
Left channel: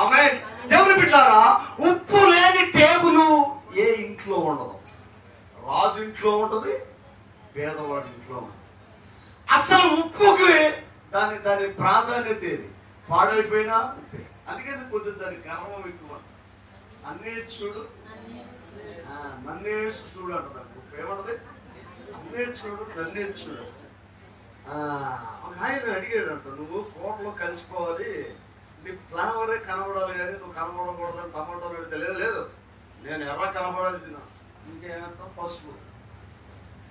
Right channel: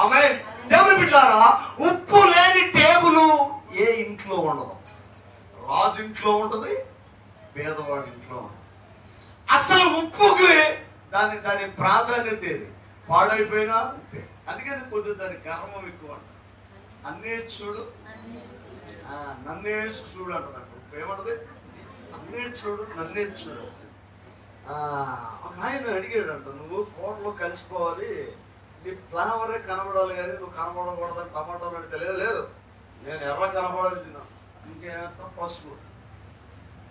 ఆమేన్. దేవుని బిడ్డలారా, ఉప్పు లేని టేబుల్ ఏ ఇంట్లో ఉండదు. రాజు ఇంట్లో ఉంటది, పేదవాడి ఇంట్లో ఉంటుంది. అసలు ఉప్పుకి దాని ప్రాధాన్యత ఏది? పాడైపోయినా ఉప్పే. అందుకని కొద్దిగా దాని గర్వం ఎక్కువ. అన్నే చూడు, నన్నే చూడు అంటున్నాడు. ఉప్పు ఏమంటది? నన్నే చూడు. ఒక ఆయన అడిగాడు అంట, నువ్వు కూరలో కలిసిపోవాలి, నీ ఫ్లేవరే కనబడాలి, కానీ నువ్వు కనబడకూడదని టమాటోలు అడిగితే లేదు, నేను ఎర్ర కనబడాల్సిన, ఇంకేమంతా పసుపు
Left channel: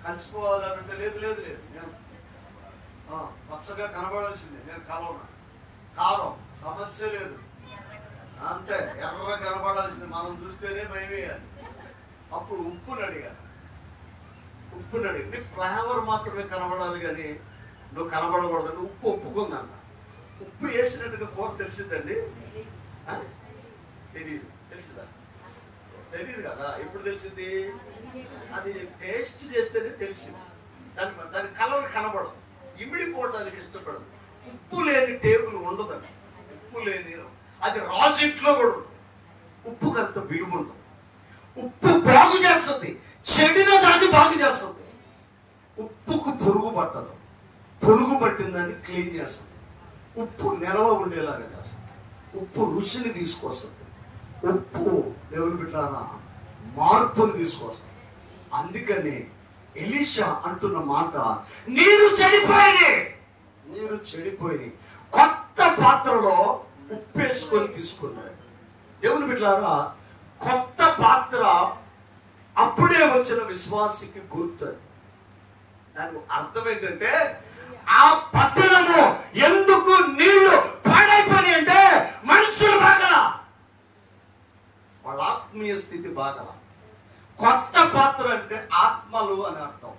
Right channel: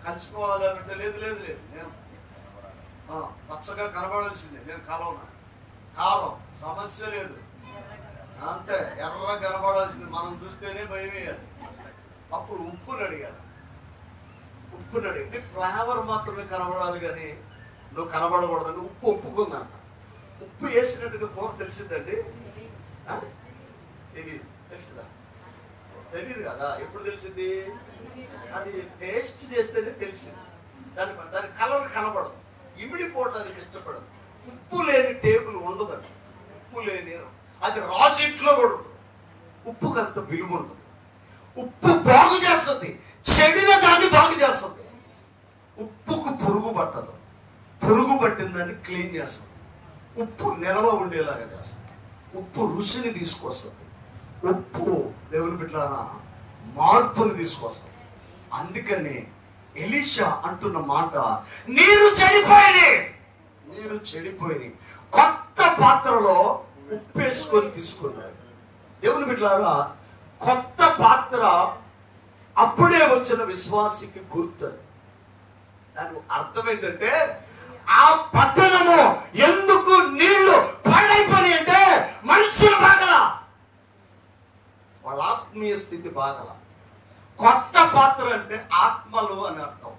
కలిసిపోవాలంటే లేదు, నేను పచ్చగా కనబడాల్సిందే, నేను కాలం సమస్య లేదు, అంతే, ఎర్ర కనబడాల్సిందే, మనం చూస్తేనే భయం వేయాలి. అప్పుడు ఉప్పుని అడిగారు. నీ ఫ్లేవర్ మాత్రమే కనబడాలి, కానీ నువ్వు కనబడకూడదని ఉప్పు ఒప్పుకుందంట. ఉప్పు వేసినట్టుగా కూర తెలిసిందండి? తెలియదు. తెలుసుదా? తెలియదు కదా. ఎప్పుడు తెలిసింది? అది టేస్ట్ చేస్తేనే తెలిసింది. దాని కలర్ కనబడదు, ఇమిడిపోవడానికి ఇష్టపడదు. ఉప్పు లేని టేబుల్ ఉండదండి. ఉప్పు లేని అది రాజంట్లో కూడా ఉండదు. ఉప్పుకి అంత విలువ ఉండదు. ఉప్పు బాగు చేస్తుంది, చెడిన దాన్ని బాగు చేస్తుంది. ఉప్పుకు పురుగు పట్టదు, పురుగు పట్టిన దాన్ని క్లీన్ చేస్తుంది. ఉప్పు నిల్వ ఉండేలాగా చేస్తుంది. ఉప్పు రుచిని తీసుకొస్తుంది. ఉప్పు దేవుని బిడ్డలారా మార్పుని తీసుకొస్తుంది. అందుకని ఎలీషా అంటున్న మాట, నీరు చెడిపోయింది, కొత్త పాత్రలో ఉప్పు వేసుకొని తీసుకున్నాడు. దేవుని బిడ్డలారా, కొత్త పాత్ర అప్పుడే వచ్చిన విశ్వాసికి గుర్తు. దాని అర్థం ఏంటంటే, ఆ పట్టణము ఎందుకు నీళ్లు పాడైపోయి అంటే మనుషులు బాగల, వాళ్ళ ఆత్మీయ స్థితి బాగల. కొత్త పాత్ర అంటే ఆత్మలు అని అర్థం.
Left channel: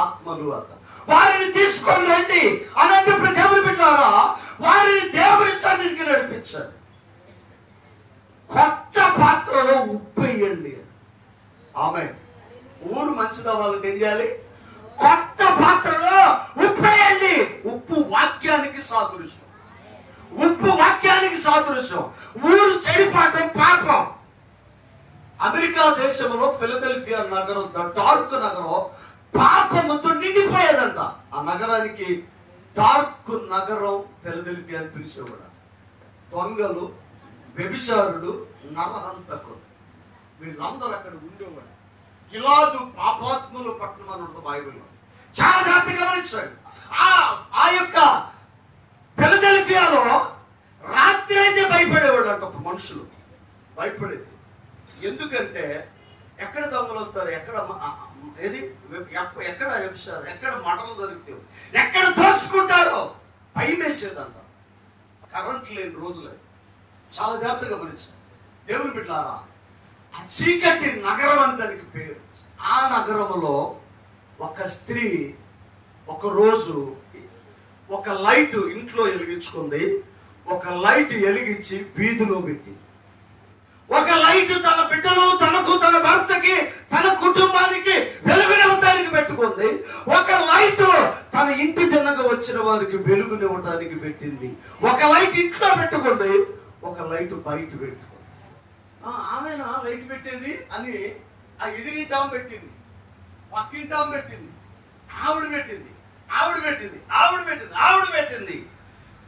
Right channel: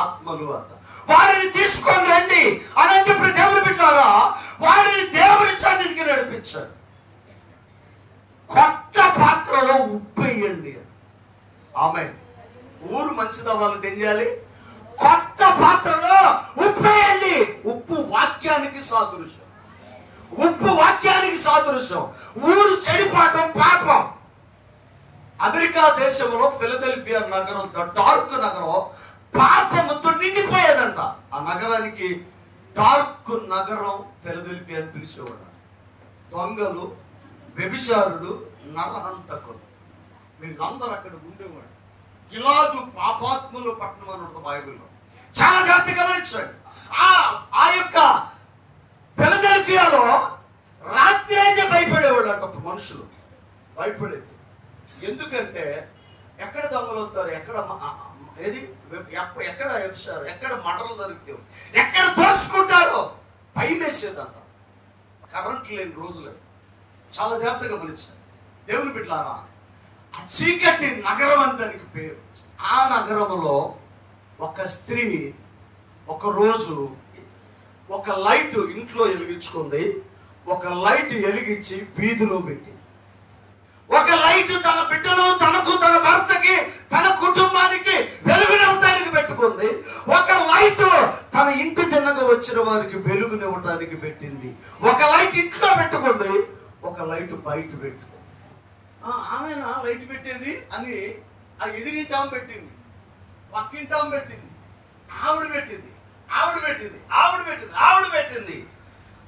ఆత్మలు అర్థం. వారిని తీసుకొని రండి అనంతప్పుడు దేవుని బిడ్డలారా, వారిని దేవుని సన్నిధికి నడిపించారు. కొత్త పాత్రలో ఉప్పు వేయండి. ఆమె ఊరు మంచిది అవ్వాలంటే ఏం చేయాలి? కొత్త పాత్రలో ఉప్పు వేయండి. ఉప్పు వాక్యానికి సాదృశ్యం. ఉప్పు వాక్యానికి సాదృశ్యం. ఊరు చెడిపోవటం పాపం. అమెరికా దేశంలో ఫిలదెల్ఫియా నగరం, డార్క్ నగరం, పాపముతో నిండిపోయేదంట. ఆ నగరానికి డార్క్ నగరం ఫిలదెల్ఫియా అని పిలిచేవాడు. దొంగలు, వ్యభిచారుడు, నరహంతకుడు, వీళ్ళందరూ అక్కడ ఉండేవాడు. గిలాదు పాపాత్ములు పట్టణం అన్నట్టు బైబిల్లో చాలా జాగ్రత్తగా గమనించాడు. ఆ యొక్క ఫిలదెల్ఫియాలో రాత్రి అయితే భయపడేవాడు అంట. మనుషులు భయపడేది. ఎందుకంటే ఎక్కడ దొంగలు వస్తారు, ఎక్కడ వ్యభిచారం, ఎక్కడ మటలు దొరుకుతావు, ఎక్కడ దోసుకుంటారో భయం వేసేదంట. కరెంట్ లేని రోజులు చాలా జాగ్రత్తగా గమనించారు. దేవుని బిడ్డలారా, ఆ చీకటి నగరం అని దానికి పేరు. ఆ నగరంలో ఒక స్త్రీ ఒక రోజు ఒక లైట్ ఇంట్లో వెలిగించుకుంది. ఒక లైట్ వెలిగించి వీధిలో పెట్టి, ఒక లైట్ తన బిడ్డలు, తనకు, తన భర్తకి, తన కుటుంబానికి వెలుగునివ్వడానికి పెట్టుకుంది. ఒక లైట్ తన ఇంటి తిన్నగా వచ్చిన వారికి వెలుగునివ్వడానికి పెట్టింది. ఒక లైట్ ఇంట్లో పెట్టుకుంది, ఒక లైట్ బయట పెట్టుకుంది. ఆమె లైట్ పెట్టేది అని ఆ ఎదిరింటాం పెట్టింది, పక్కింటాం పెట్టింది, ఆవిడ పెట్టింది.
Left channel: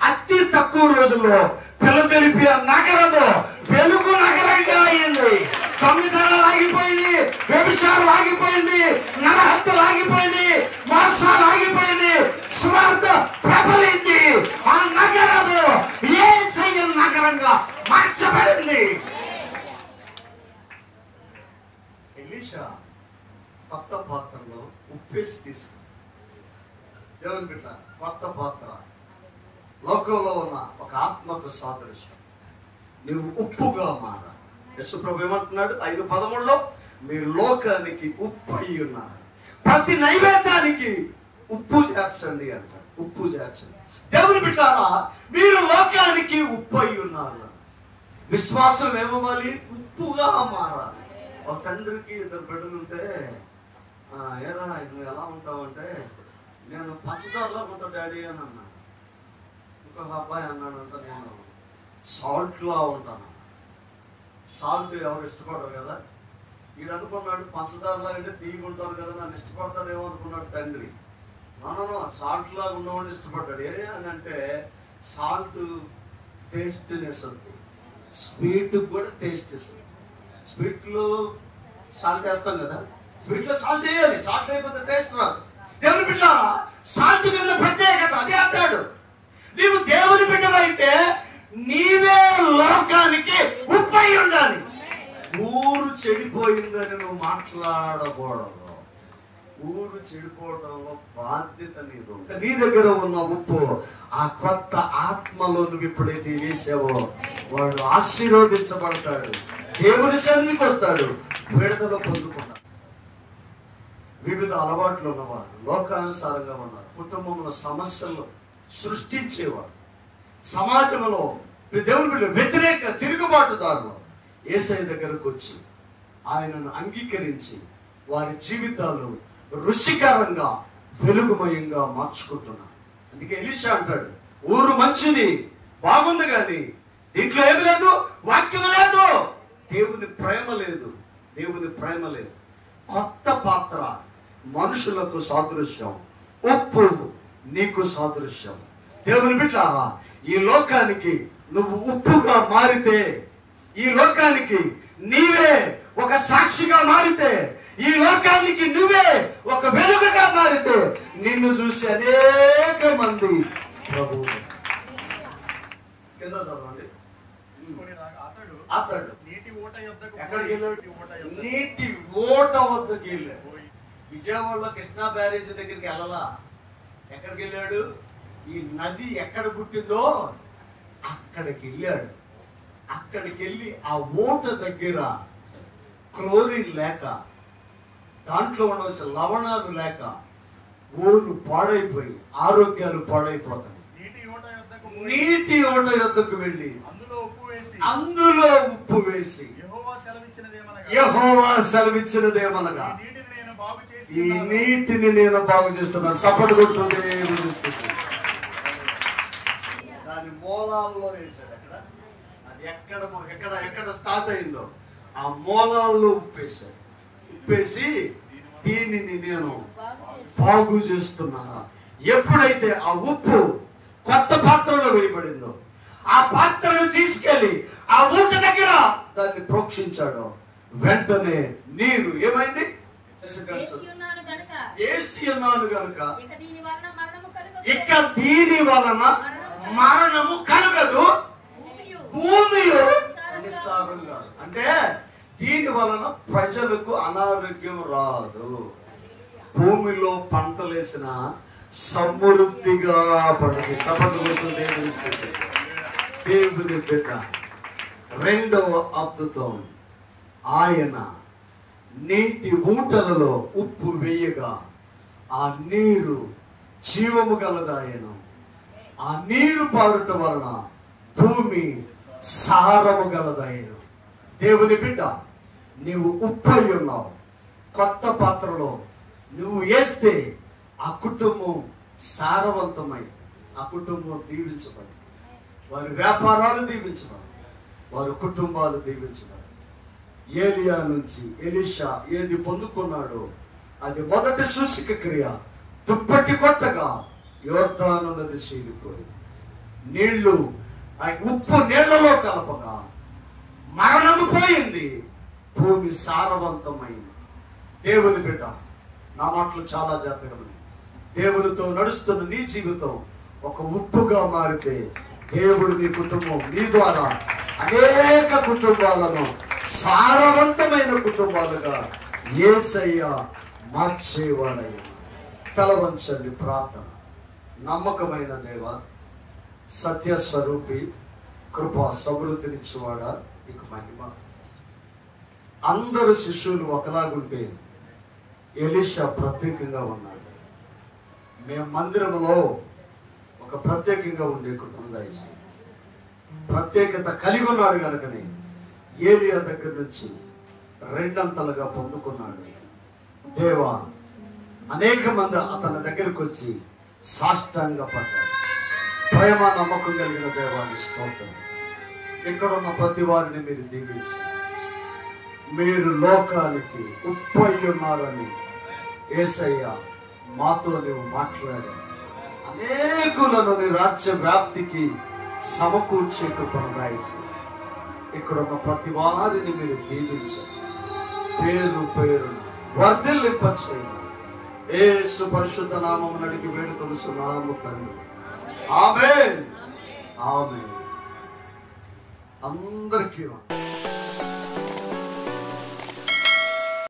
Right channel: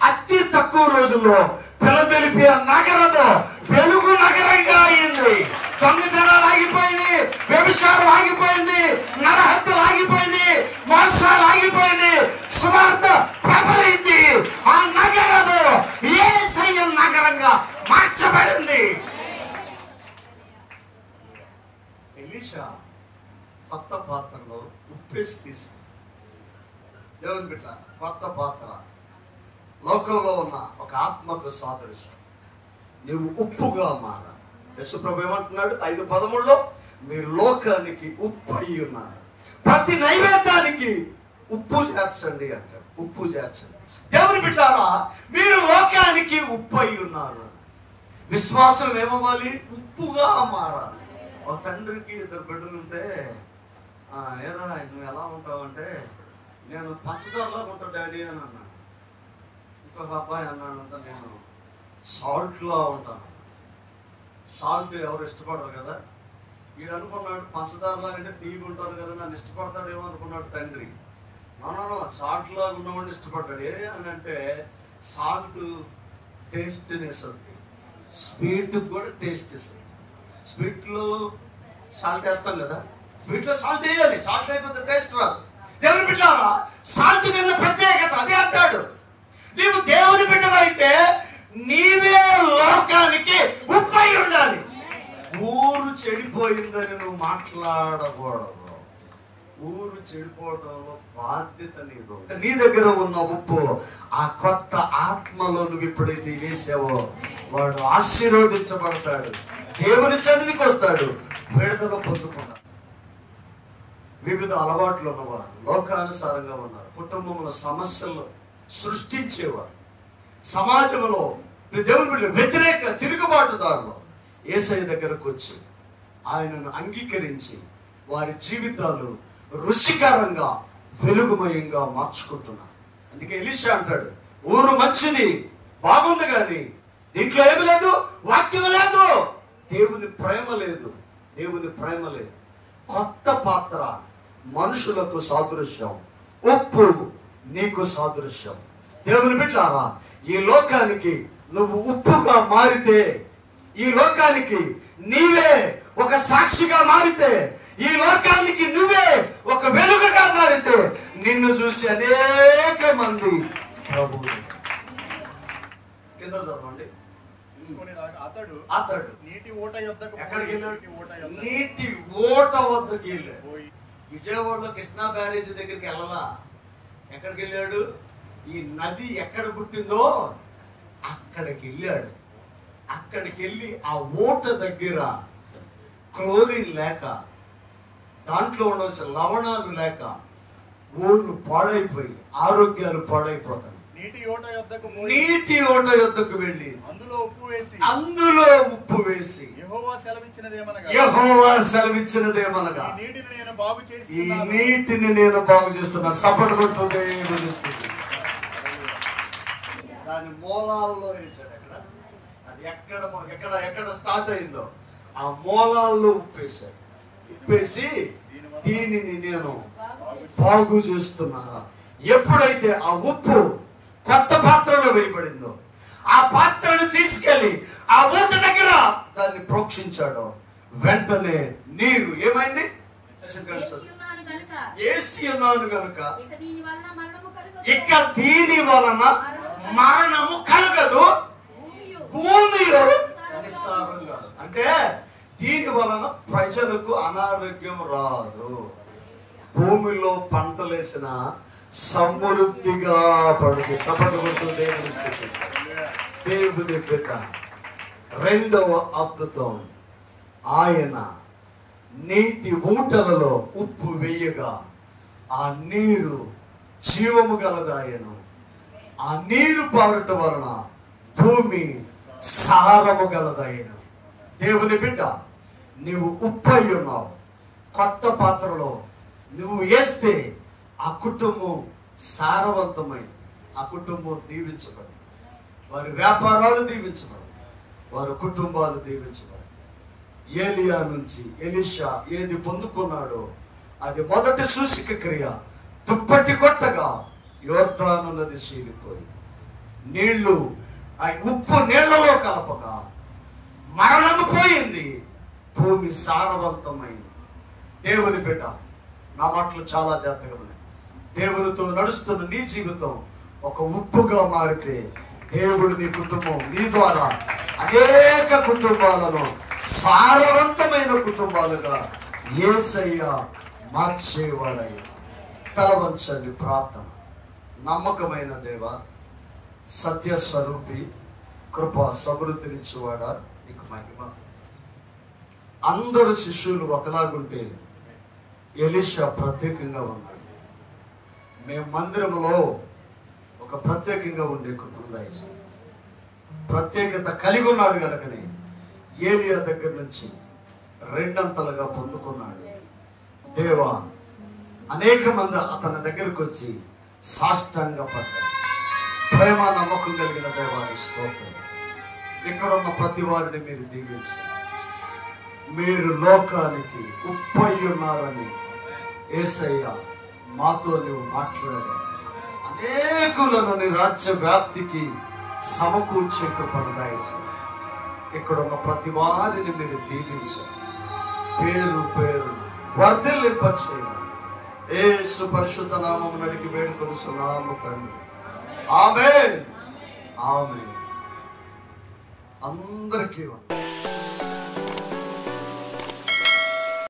అతి తక్కువ రోజుల్లో ఫిలదెల్ఫియా నగరము వెలుగు నగరంగా అయింది. దొంగతనాలు ఆగిపోయింది, వ్యభిచారం ఆగిపోయింది, నరహత్యలు ఆగిపోయింది, మోసాలు ఆగిపోయింది, సువార్త ప్రబలింది. ఆ నగరము యేసయ్య నగరంగా మార్చబడింది. ఎలీషా కొత్త పాత్రలో ఉప్పేసి తీసుకుంది. దేవుని బిడ్డ, కొత్త పాత్ర లోకంలో ఉన్న ఒక ఆత్మకు సాదృశ్యం. నీవు ఉప్పుగా మారాలి. యేసుప్రభు ఏమంటున్నాడు 5:13లో, మీరు లోకానికి ఉప్పు అయి ఉన్నారు, ప్రతి నైవేద్యానికి ఉప్పు చేర్చండి అంటాడు. ఉప్పు చేర్చండి. దేవుని బిడ్డారా, మీరు లోకానికి ఉప్పు అయి ఉన్నారు. విశ్వాసం ఏమవ్వాలి? ఉప్పుగా మారాలి. ఒక తండ్రికి 2 బిడ్డలు ఉంటే, ఏరా నువ్వు ఎలా ఉంటావు అంటే, నేను పంచదారలో ఉంటావు డాడీ అని అన్నా. ఇంకొక అబ్బాయి అన్నాడంట, నేను సాల్ట్లో ఉంటాను. సాల్ట్ ఎవరు ఇష్టపడరు కదా. వీడు అనుకున్నాడు పంచదారలాగా అంటే తీయకుంటారు కదా, నన్ను ఇష్టపడతాడేమో అనుకున్నాడు తండ్రి. నన్ను సాల్ట్ లాగా ఉన్నవాడిని ఇష్టపడ్డాడు. ఏ అని అంటే, సాల్ట్ టేస్ట్నెస్ అది, స్వీట్ కూడా టేస్ట్ ఇస్తుంది. స్వీట్లో సాల్ట్ వేస్తాం కదా, స్వీట్లో సాల్ట్ వేయాలి. సాల్ట్ అయిపోతే టేస్ట్ రాదు. దేవుని బిడ్డలారా, సాల్ట్ నిన్న ప్రత్యేకత. అదే అంటాడు, నీవు దేవుని బిడ్డవైతే నీవే లోకానికి ఉప్పై ఉండాలి. ఊరు చెడిపోయిందని నువ్వు మాట్లాడకూడదు. ఊరు చెడిపోవడంలో బాధ్యత నీదు. నీ దగ్గర ఉన్న ఉప్పు ఆ కొత్త ఆత్మలో నువ్వు ఎప్పుడైతే వేసావో వాడు ఆశీర్వదించబడతాడు, దేవుని సన్నిధికి వస్తాడు, విడుదల పొందుకున్నాడు. వివిధ అలవాట్లు ఉన్నవారు, లోకానుసారంగా ఉన్నారు, కుటుంబంలో సమస్యలు సృష్టించేవారు, సమాజంలో దేవుని వ్యతిరేక తిరుగుబాటుదారులు యేసయ్య దగ్గరకు వచ్చి ఆయనను అంగీకరించి వారి జీవితాలు రుచికరంగా వెలుగుమయంగా మార్చుకుంటున్నారు. అందుకే ఎలీషా అంటాడు, ఊరు మంచిది, బాగుంది, కానీ దీంట్లో ఏమి లేదు, వాక్యం లేదు, దేవుని ప్రేమ లేదు, దేవుని ప్రేమ లేదు. కొత్త పాత్ర మనుషులకు సాదృశ్యం, ఉప్పు నీకు సాదృశ్యం. దేవుని బిడ్డలారా, ఈ లోకానికి నువ్వు ఉప్పుగా మారితే, ఈ లోకానికి నీవే ఒక సాక్షిగా మారితే, ఈ లోకానికి నువ్వే ఒక వెలుగుగా మారితే, నిన్ను చూసి అనేక మంది ప్రభువు కింద చదవండి. అతడు నీటి ఓట యొద్దకు ఎక్కడికి వెళ్ళాడు? నీటి ఓట వద్దకు వెళ్ళాడు. విజయవాడలో కృష్ణా బ్యారేజీ దగ్గరికి వెళ్ళాలా? ఎక్కడికి వెళ్ళాడు? ఈ నది ఎక్కడ పుట్టిందో అక్కడికి వెళ్ళాడు. అక్కడికి వెళ్ళి ఆ ఓట దగ్గర క్లోరిన్ లేక, దాంట్లో ఉండవలసిన లవణాలు లేక ఊరు పాడైపోయి ఆరోగ్యాలు పాడైపోతాయి. నీటి ఓట యొద్దకు వెళ్ళి అందులో ఉప్పు వేసి యెహోవా సెలవిచ్చినదేమనగా ఈ నీటిని నేను బాగు చేస్తున్నాను. సపోర్ట్ కొడుతుంది. దాని మూలాల్లో వేశాడు. అది ఎక్కడ స్టార్ట్ అయిందో ఆ మూలాల్లో ఉప్పేశాడు. ఉప్పేసి దీనిని నేను బాగు చేస్తున్నాను. ఎప్పుడైతే ఆ ఉప్పు కొత్త పాత్రలో వేయబడిందో, ఆ పాత్రను తీసుకెళ్లి ఆ ఊట దగ్గర దాన్ని ప్రోక్షించాడు. వెంటనే నీరు ఏమైంది? ఏసి ఉన్నాను కనుక ఇక దీని వలన మరణము కలగదు, భూమిలో నిస్సారం కాదు. అంటే దీని వలన ప్రజలకు అనారోగ్యం రాదు. భూమిలో పంటలేసిన సమృద్ధిగా పడుతుంది. సఫలమవుతుంది. దేవుని బిడ్డ రెండవ అద్భుతం, ఆయన నీటి ఊటలలో ఉప్పు వేయగా ఆ నీరు జీవము గలదాయను. ఆ నీరు పారుట వలన భూమి సారము గలదాయను. దేవుని బిడ్డ, నీవు ఉప్పు అయి ఉన్నావు. కొత్త పాత్రలో నువ్వు వేస్తే ఆ కుటుంబం సారవంతమై, ఆ కుటుంబం దీవించబడి, వారి వ్యాపారాలు దీవించబడి, వారి కుటుంబాలు దీవించబడి. ఏలియా నుంచి ఎలీషా ఏది పొందుకున్నాడో అది మొదటి సూచిక క్రియ. దుప్పటి కొట్టగా యోర్దాను నది చీలిపోయింది. నీళ్లు ఆ ఉప్పు నీళ్లలో కలపగా మరణము పోయింది, భూమి సారవంతమైంది. దేవుని బిడ్డ, నా మాటలు చాలా జాగ్రత్తగా ఉన్నాయి. దేవునితో నడుస్తున్న నీ జీవితం ఒక ఉప్పుగా మారితే దేవుడు నీ కుటుంబం, నీ ద్వారా అనేక కుటుంబాలను సారవంతమైన కుటుంబాలుగా యేసయ్య మార్చేవాడయ్య. తలవంచండి. ప్రార్థన. నమ్మకమైన దేవ, సత్య స్వరూపి, కృపా సమృద్ధినిచ్చేవాడా, నీకు మహిమ. అందరు శిష్యులు ఒకలాగుంటే ఎలీషా ప్రత్యేకంగా ఉన్నాడు. మేము మందిరంలో ఒక ప్రత్యేకంగా ఉండే కుటుంబం ప్రత్యేకత కలిగి ఉన్నాడు కనుకనే ఏలియా దగ్గర నుంచి రెండంతలుగా పొందుకున్నాడు. దేవా, అనేక మంది అతని దగ్గరకు వచ్చి సాష్టాంగ పడ్డారు. ప్రేమ నమ్మకం కలిగిన దేవానికి స్తోత్రం. ఇక్కడున్న ప్రతి వారిని మీరు దీవించి, మీరు లోకానికి ఉప్పు అయి ఉన్నారని యేసయ్య మాతో నువ్వు మాట్లాడి అనేకులను నీ రాజ్య వ్యాప్తికి సమకూర్చే కృపను రాసి ఇక్కడున్న ప్రతి వారిని మీరు దీవించారు. పేరు పేరు వర్ధిల్లింపచేయండి. యేసు పరిశుద్ధ నామమున అడిగి వేడుకొనుచున్నాము తండ్రి. ఆమేన్. ఆమేన్. అందరికీ